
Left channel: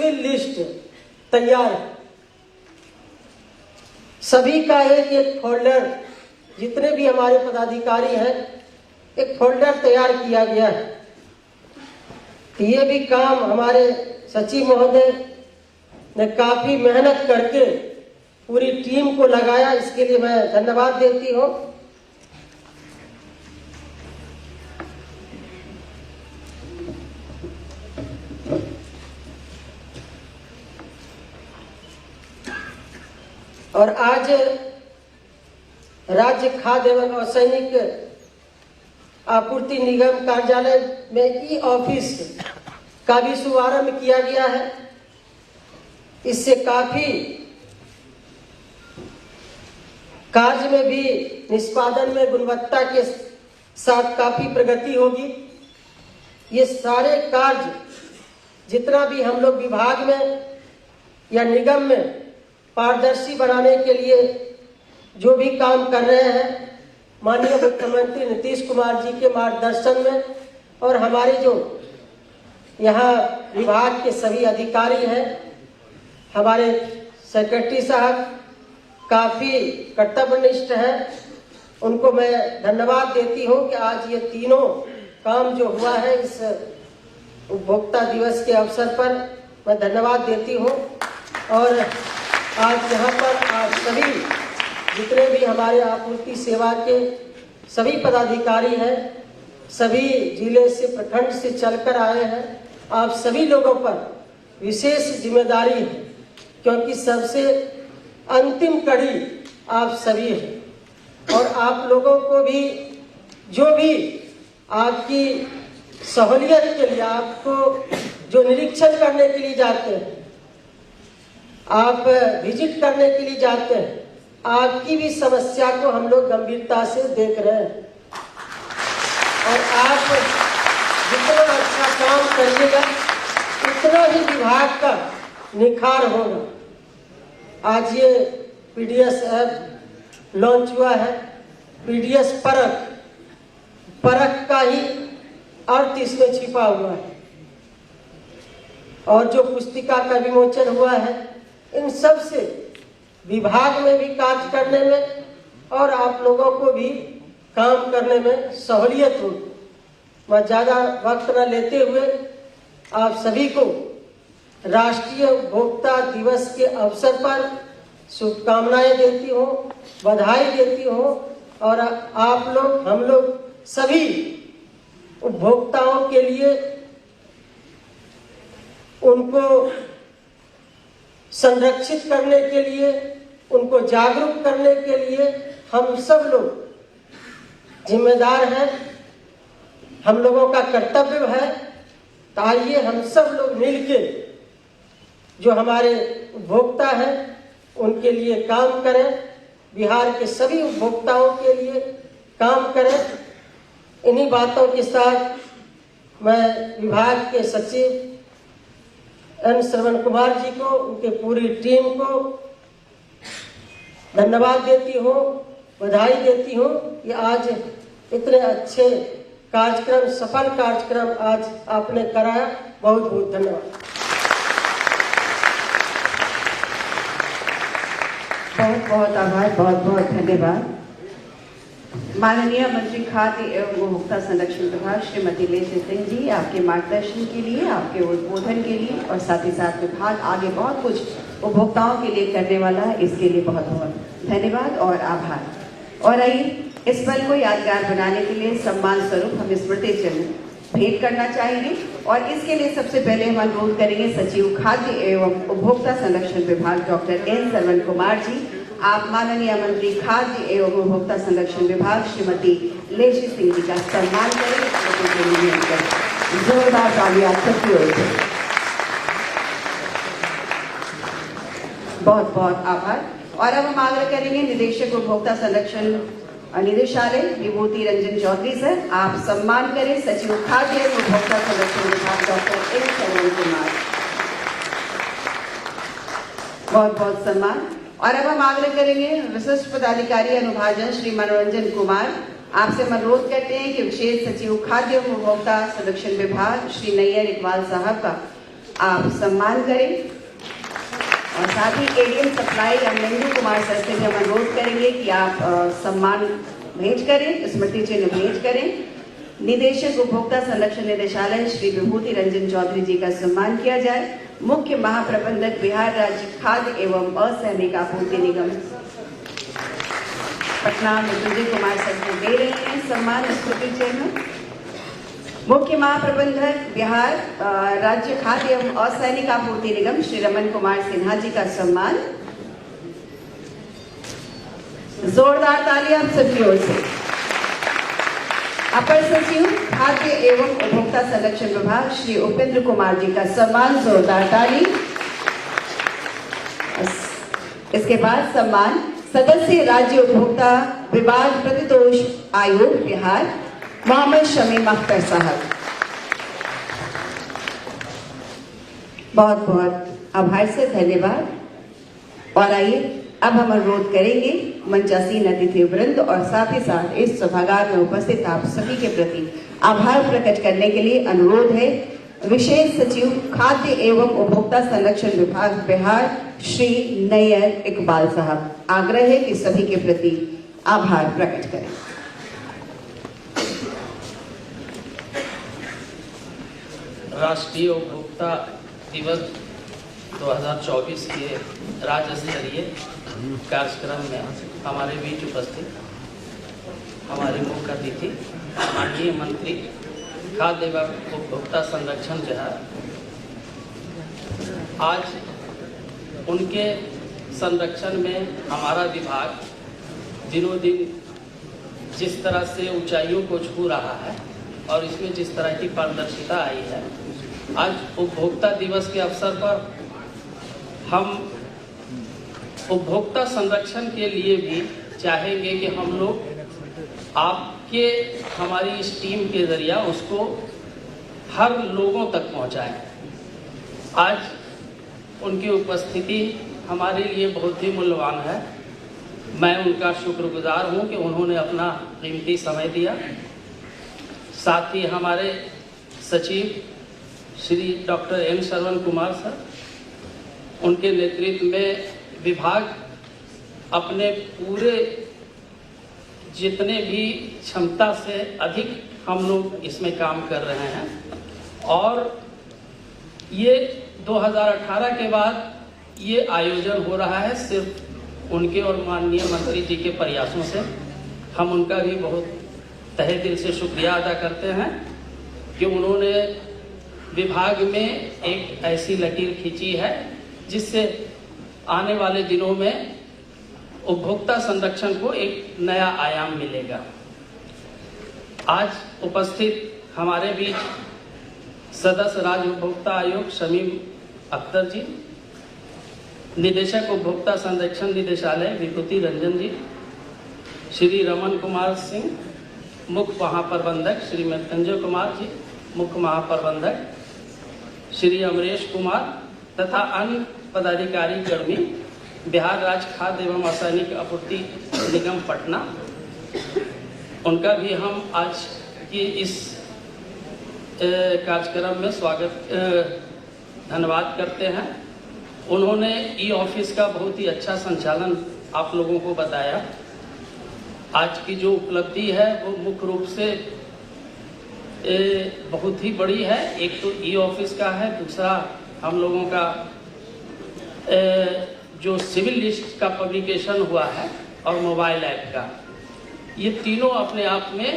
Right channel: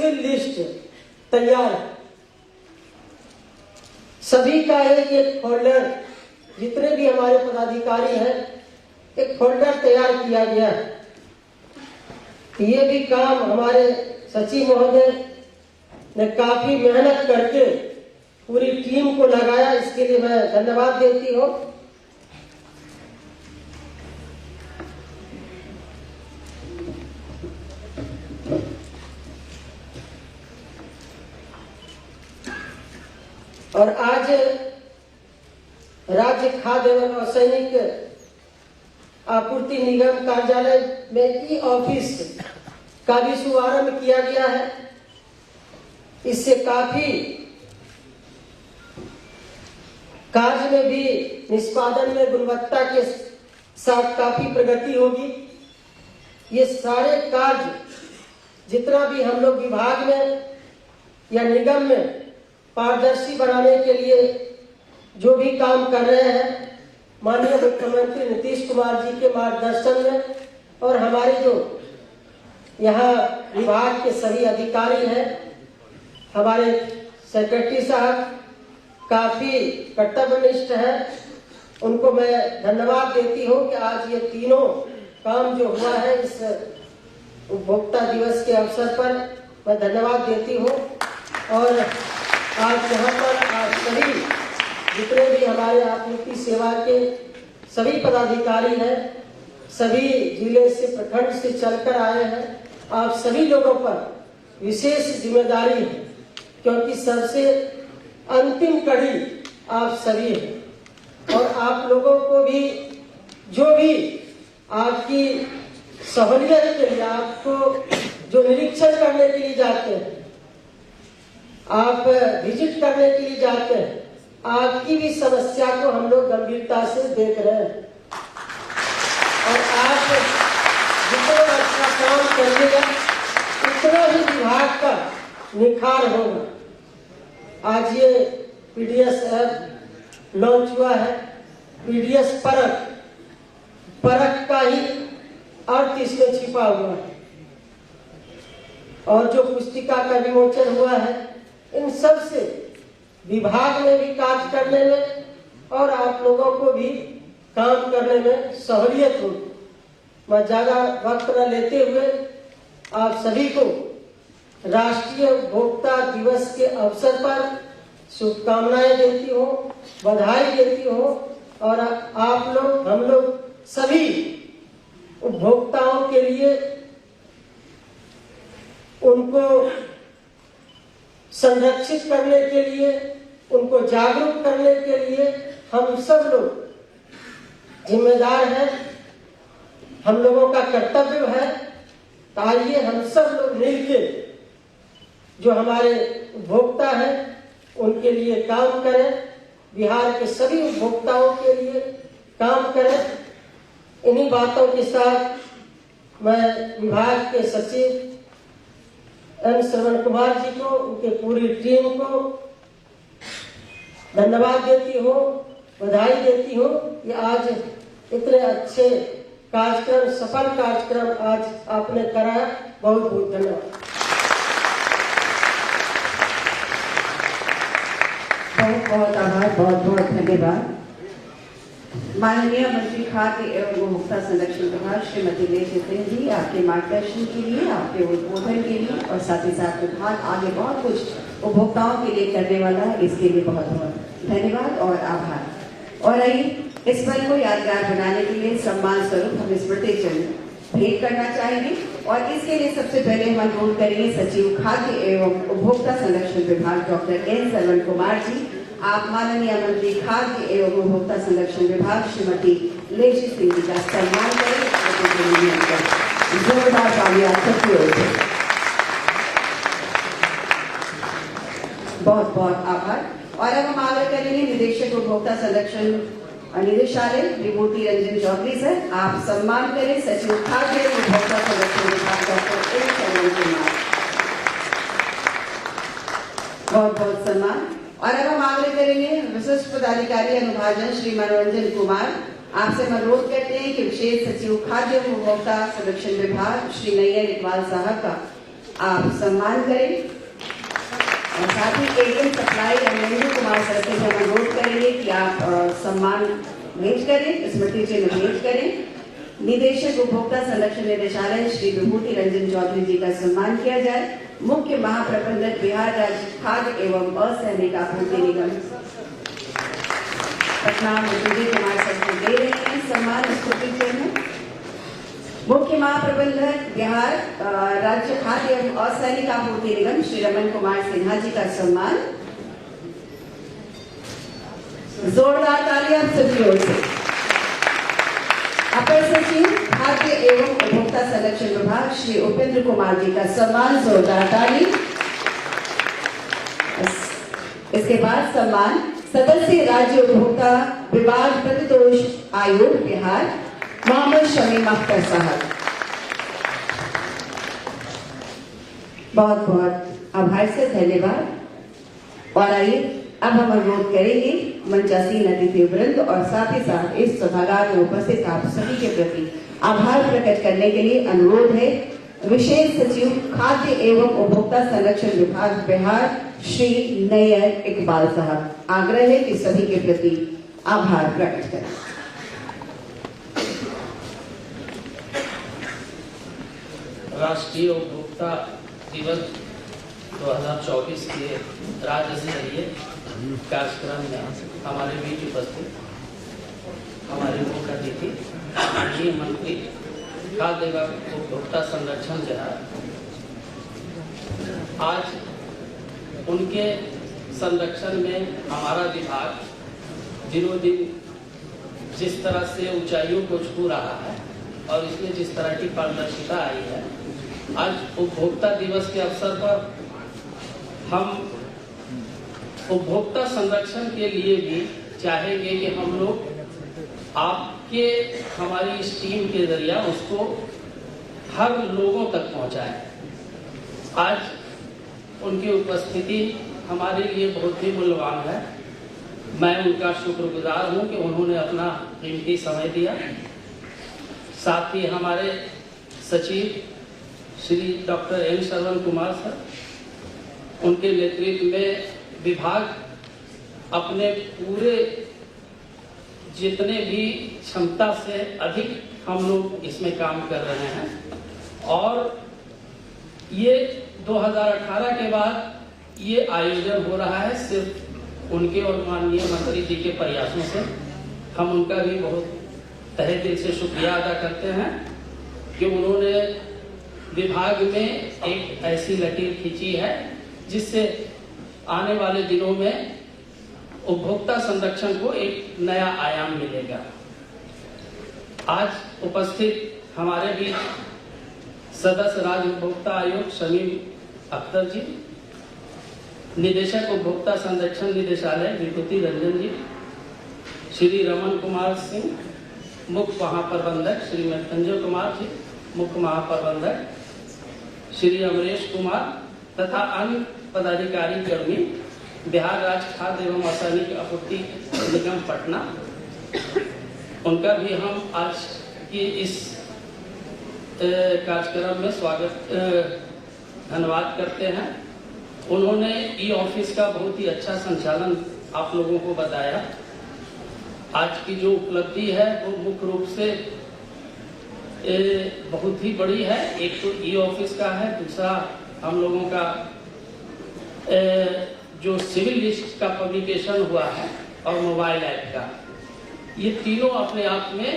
तफसील लिस्ट तैयार है। सभी का एक फोल्डर, जितने भी हमारे पदाधिकारी हैं, एक फोल्डर तैयार किया गया है। ये भी काम हमारे सचिव महोदय ने काफी मेहनत करके पूरी टीम को लगाया, इसके लिए मैं धन्यवाद देती हूँ। और आज राज्य खाद्य एवं असैनिक आपूर्ति निगम कार्यालय में ई ऑफिस का भी शुभारंभ किया गया है। इससे काफी कार्य में भी, निष्पादन में गुणवत्ता के साथ काफी प्रगति होगी। ये सारे कार्य जितना भी हम लोग विभाग में या निगम में पारदर्शी बनाने के लिए जो भी काम कर रहे हैं, माननीय मुख्यमंत्री नीतीश कुमार जी के मार्गदर्शन में और हमारे जो यहाँ विभाग के सभी अधिकारी हैं, हमारे सेक्रेटरी साहब काफी कर्तव्यनिष्ठ हैं, उनको मैं धन्यवाद देती हूँ कि आज ये तीनों काम जो हुआ है इस उपभोक्ता दिवस के अवसर पर मैं धन्यवाद देती हूँ। और आज यहाँ पर आप सभी जितने भी हमारे आपूर्ति सेवा के सभी पदाधिकारी हैं, सभी जिले से, प्रखंड से चलकर आए हैं, आप सभी लोगों पर विशेष जिम्मेदारी है, क्योंकि सबसे अंतिम कड़ी आप सभी हैं। और आप लोगों को भी जो भी आपकी सहूलियत के लिए, आपको जो निरीक्षण करने के लिए जाते हैं, आप विजिट करने के लिए जाते हैं, आपकी भी समस्या को हम लोग गंभीरता से देख रहे हैं। और आप जितना अच्छा काम करिएगा उतना ही विभाग का निखार होगा। आज ये पीडीएस ऐप लॉन्च हुआ है। पीडीएस परख का ही अर्थ इसमें छिपा हुआ है। और जो पुस्तिका का विमोचन हुआ है, इन सब से विभाग में भी कार्य करने में और आप लोगों को भी काम करने में सहूलियत होगी। मैं ज्यादा वक्त न लेते हुए आप सभी को राष्ट्रीय उपभोक्ता दिवस के अवसर पर शुभकामनाएं देती हूँ, बधाई देती हूँ। और आप लोग, हम लोग सभी उपभोक्ताओं के लिए, उनको संरक्षित करने के लिए, उनको जागरूक करने के लिए हम सब लोग जिम्मेदार हैं। हम लोगों का कर्तव्य है। आइए हम सब लोग मिलकर जो हमारे उपभोक्ता हैं उनके लिए काम करें, बिहार के सभी उपभोक्ताओं के लिए काम करें। इन्हीं बातों के साथ मैं विभाग के सचिव एन श्रवण कुमार जी को, उनके पूरी टीम को धन्यवाद देती हूँ, बधाई देती हूँ कि आज इतने अच्छे कार्यक्रम, सफल कार्यक्रम आज आपने कराया। बहुत बहुत धन्यवाद। बहुत बहुत आभार, बहुत बहुत धन्यवाद। माननीय मंत्री खाद्य एवं उपभोक्ता संरक्षण विभाग श्रीमती लेजी सिंह जी, आपके मार्गदर्शन के लिए, आपके उद्बोधन के लिए और साथ ही साथ विभाग आगे बहुत कुछ उपभोक्ताओं के लिए करने वाला है, इसके लिए बहुत बहुत धन्यवाद और आभार। और आइए इस पल को यादगार बनाने के लिए सम्मान स्वरूप हम स्मृति चिन्ह भेंट करना चाहेंगे। और इसके लिए सबसे पहले हम अनुरोध करेंगे सचिव खाद्य एवं उपभोक्ता संरक्षण विभाग डॉक्टर एन श्रवण कुमार जी, आप माननीय मंत्री खाद्य एवं उपभोक्ता संरक्षण विभाग श्रीमती लेजी सिंह जी का सम्मान करें। जोरदार तालियां सबकी ओर से। बहुत बहुत आभार। और अब हम आग्रह करेंगे निदेशक उपभोक्ता संरक्षण निदेशालय विभूति रंजन चौधरी सर, आप सम्मान करें सचिव खाद्य एवं उपभोक्ता संरक्षण विभाग डॉक्टर एन श्रवण कुमार। बहुत बहुत सम्मान। और अब हम आग्रह करेंगे विशिष्ट पदाधिकारी अनुभाजन श्री मनोरंजन कुमार, आपसे हम अनुरोध करते हैं कि विशेष सचिव खाद्य एवं उपभोक्ता संरक्षण विभाग श्री नैयर इकबाल साहब का आप सम्मान करें और साथ ही एलियन सप्लाई अमरेंद्र कुमार सर से हम अनुरोध करेंगे कि आप सम्मान भेंट करें, स्मृति चिन्ह भेंट करें। निदेशक उपभोक्ता संरक्षण निदेशालय श्री विभूति रंजन चौधरी जी का सम्मान किया जाए। मुख्य महाप्रबंधक बिहार राज्य खाद्य एवं असैनिक आपूर्ति निगम पटना विभूति कुमार सर को दे रहे हैं सम्मान स्मृति चिन्ह। मुख्य महाप्रबंधक बिहार राज्य खाद्य एवं असैनिक आपूर्ति निगम श्री रमन कुमार सिन्हा जी का सम्मान। जोरदार तालियां आप सबकी ओर से। अपर सचिव खाद्य एवं उपभोक्ता संरक्षण विभाग श्री उपेंद्र कुमार जी का सम्मान, जोरदार ताली। इसके बाद सम्मान सदस्य राज्य उपभोक्ता विवाद प्रतिदोष आयोग बिहार मोहम्मद शमीम अख्तर साहब। बहुत बहुत आभार से धन्यवाद। और आइए अब हम अनुरोध करेंगे मंचासीन अतिथि वृंद और साथ ही साथ इस सभागार में उपस्थित आप सभी के प्रति आभार प्रकट करने के लिए अनुरोध है विशेष सचिव खाद्य एवं उपभोक्ता संरक्षण विभाग बिहार श्री नैयर इकबाल साहब। आग्रह है कि सभी के प्रति आभार प्रकट करें। राष्ट्रीय उपभोक्ता दिवस 2024 के राज्य स्तरीय कार्यक्रम में हमारे बीच उपस्थित हमारे मुख्य अतिथि माननीय मंत्री खाद्य एवं उपभोक्ता संरक्षण बिहार, आज उनके संरक्षण में हमारा विभाग दिनों दिन जिस तरह से ऊंचाइयों को छू रहा है और इसमें जिस तरह की पारदर्शिता आई है, आज उपभोक्ता दिवस के अवसर पर हम उपभोक्ता संरक्षण के लिए भी चाहेंगे कि हम लोग आपके हमारी इस टीम के जरिए उसको हर लोगों तक पहुंचाएं। आज उनकी उपस्थिति हमारे लिए बहुत ही मूल्यवान है। मैं उनका शुक्रगुजार हूं कि उन्होंने अपना कीमती समय दिया। साथ ही हमारे सचिव Shri doctor N Shravan Kumar sir, उनके नेतृत्व में विभाग अपने पूरे जितने भी क्षमता से अधिक हम लोग इसमें काम कर रहे हैं और ये 2018 के बाद ये आयोजन हो रहा है सिर्फ उनके और माननीय मंत्री जी के प्रयासों से। हम उनका भी बहुत तहे दिल से शुक्रिया अदा करते हैं कि उन्होंने विभाग में एक ऐसी लकीर खींची है जिससे आने वाले दिनों में उपभोक्ता संरक्षण को एक नया आयाम मिलेगा। आज उपस्थित हमारे बीच सदस्य राज्य उपभोक्ता आयोग शमीम अख्तर जी, निदेशक उपभोक्ता संरक्षण निदेशालय विभूति रंजन जी, श्री रमन कुमार सिंह, मुख्य महाप्रबंधक श्री मृत्युंजय कुमार जी, मुख्य महाप्रबंधक श्री अमरेश कुमार तथा अन्य पदाधिकारी कर्मी बिहार राज्य खाद्य एवं असैनिक आपूर्ति निगम पटना, उनका भी हम आज के इस कार्यक्रम में स्वागत धन्यवाद करते हैं। उन्होंने ई ऑफिस का बहुत ही अच्छा संचालन आप लोगों को बताया। आज की जो उपलब्धि है वो मुख्य रूप से बहुत ही बड़ी है। एक तो ई ऑफिस का है, दूसरा हम लोगों का जो सिविल लिस्ट का पब्लिकेशन हुआ है और मोबाइल ऐप का, ये तीनों अपने आप में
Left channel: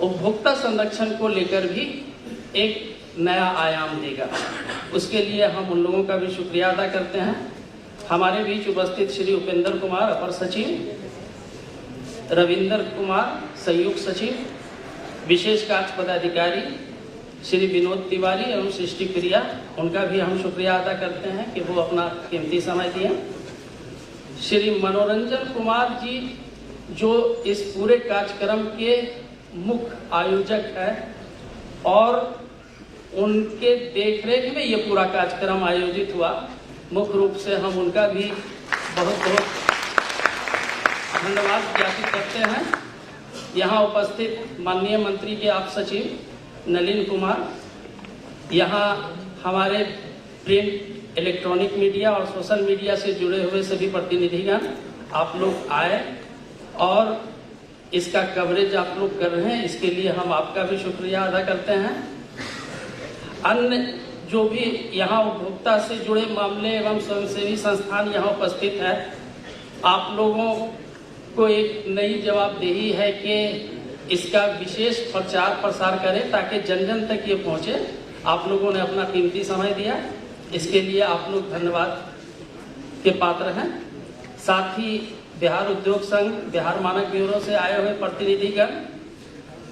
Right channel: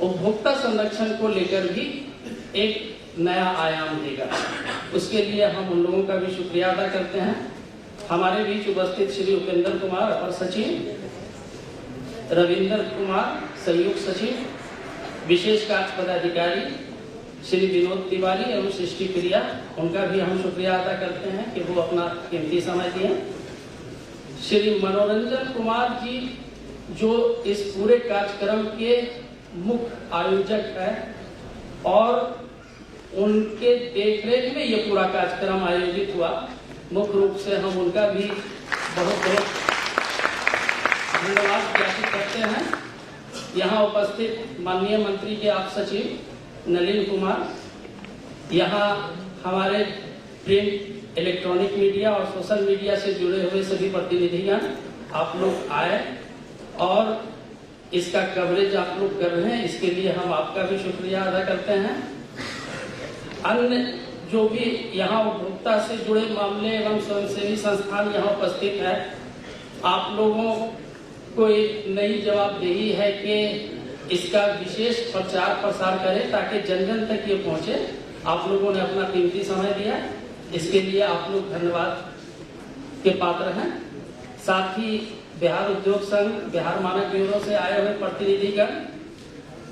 उपभोक्ता संरक्षण को लेकर भी एक नया आयाम देगा। उसके लिए हम उन लोगों का भी शुक्रिया अदा करते हैं। हमारे बीच उपस्थित श्री उपेंद्र कुमार अपर सचिव, रविंदर कुमार संयुक्त सचिव, विशेष कार्य पदाधिकारी श्री विनोद तिवारी एवं सृष्टि प्रिया, उनका भी हम शुक्रिया अदा करते हैं कि वो अपना कीमती समय दिए। श्री मनोरंजन कुमार जी जो इस पूरे कार्यक्रम के मुख्य आयोजक है और उनके देखरेख में ये पूरा कार्यक्रम आयोजित हुआ, मुख्य रूप से हम उनका भी बहुत बहुत धन्यवाद ज्ञापित करते हैं। यहाँ उपस्थित माननीय मंत्री के आप सचिव नलिन कुमार, यहाँ हमारे प्रिंट, इलेक्ट्रॉनिक मीडिया और सोशल मीडिया से जुड़े हुए सभी प्रतिनिधिगण आप लोग आए और इसका कवरेज आप लोग कर रहे हैं, इसके लिए हम आपका भी शुक्रिया अदा करते हैं। अन्य जो भी यहाँ उपभोक्ता से जुड़े मामले एवं स्वयंसेवी संस्थान यहाँ उपस्थित हैं, आप लोगों को एक नई जवाबदेही है कि इसका विशेष प्रचार प्रसार करें ताकि जन जन तक ये पहुंचे। आप लोगों ने अपना कीमती समय दिया, इसके लिए आप लोग धन्यवाद के पात्र हैं। साथ ही बिहार उद्योग संघ, बिहार मानक ब्यूरो से आए हुए प्रतिनिधिगण,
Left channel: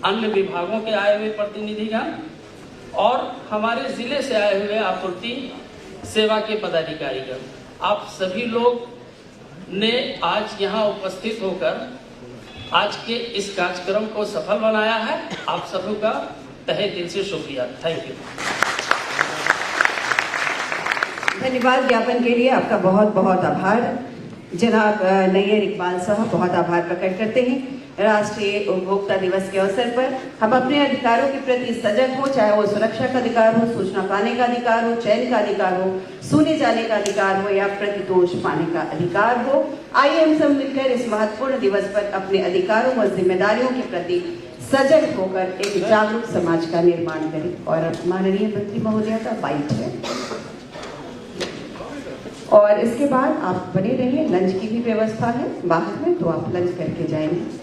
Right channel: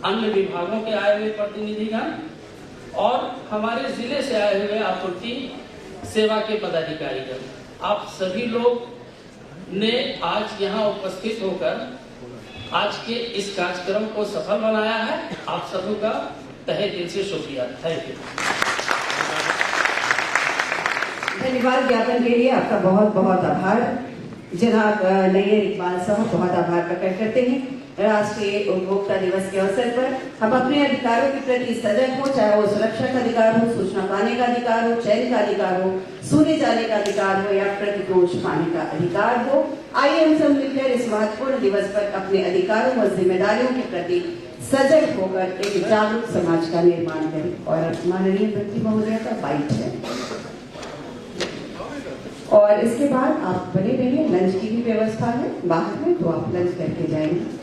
अन्य विभागों के आए हुए प्रतिनिधिगण और हमारे जिले से आए हुए आपूर्ति सेवा के पदाधिकारीगण, आप सभी लोग ने आज यहाँ उपस्थित होकर आज के इस कार्यक्रम को सफल बनाया है। आप सभी का तहे दिल से शुक्रिया। Thank you. धन्यवाद ज्ञापन के लिए आपका बहुत बहुत आभार। जनाब नैयर इकबाल साहब बहुत आभार प्रकट करते हैं। राष्ट्रीय उपभोक्ता दिवस के अवसर पर हम अपने अधिकारों के प्रति सजग हो, चाहे वो सुरक्षा का अधिकार हो, सूचना पाने का अधिकार हो, चयन का अधिकार हो, सुने जाने का अधिकार हो या प्रतिदोष पाने का अधिकार हो। आइए हम सब मिलकर इस महत्वपूर्ण दिवस पर अपने अधिकारों और जिम्मेदारियों के प्रति सजग होकर एक जागरूक समाज का निर्माण करें। और माननीय मंत्री महोदय का बाइट है और इसके बाद आप बने रहिए। लंच की भी व्यवस्था है बाहर में, तो आप लंच करके जाएंगे।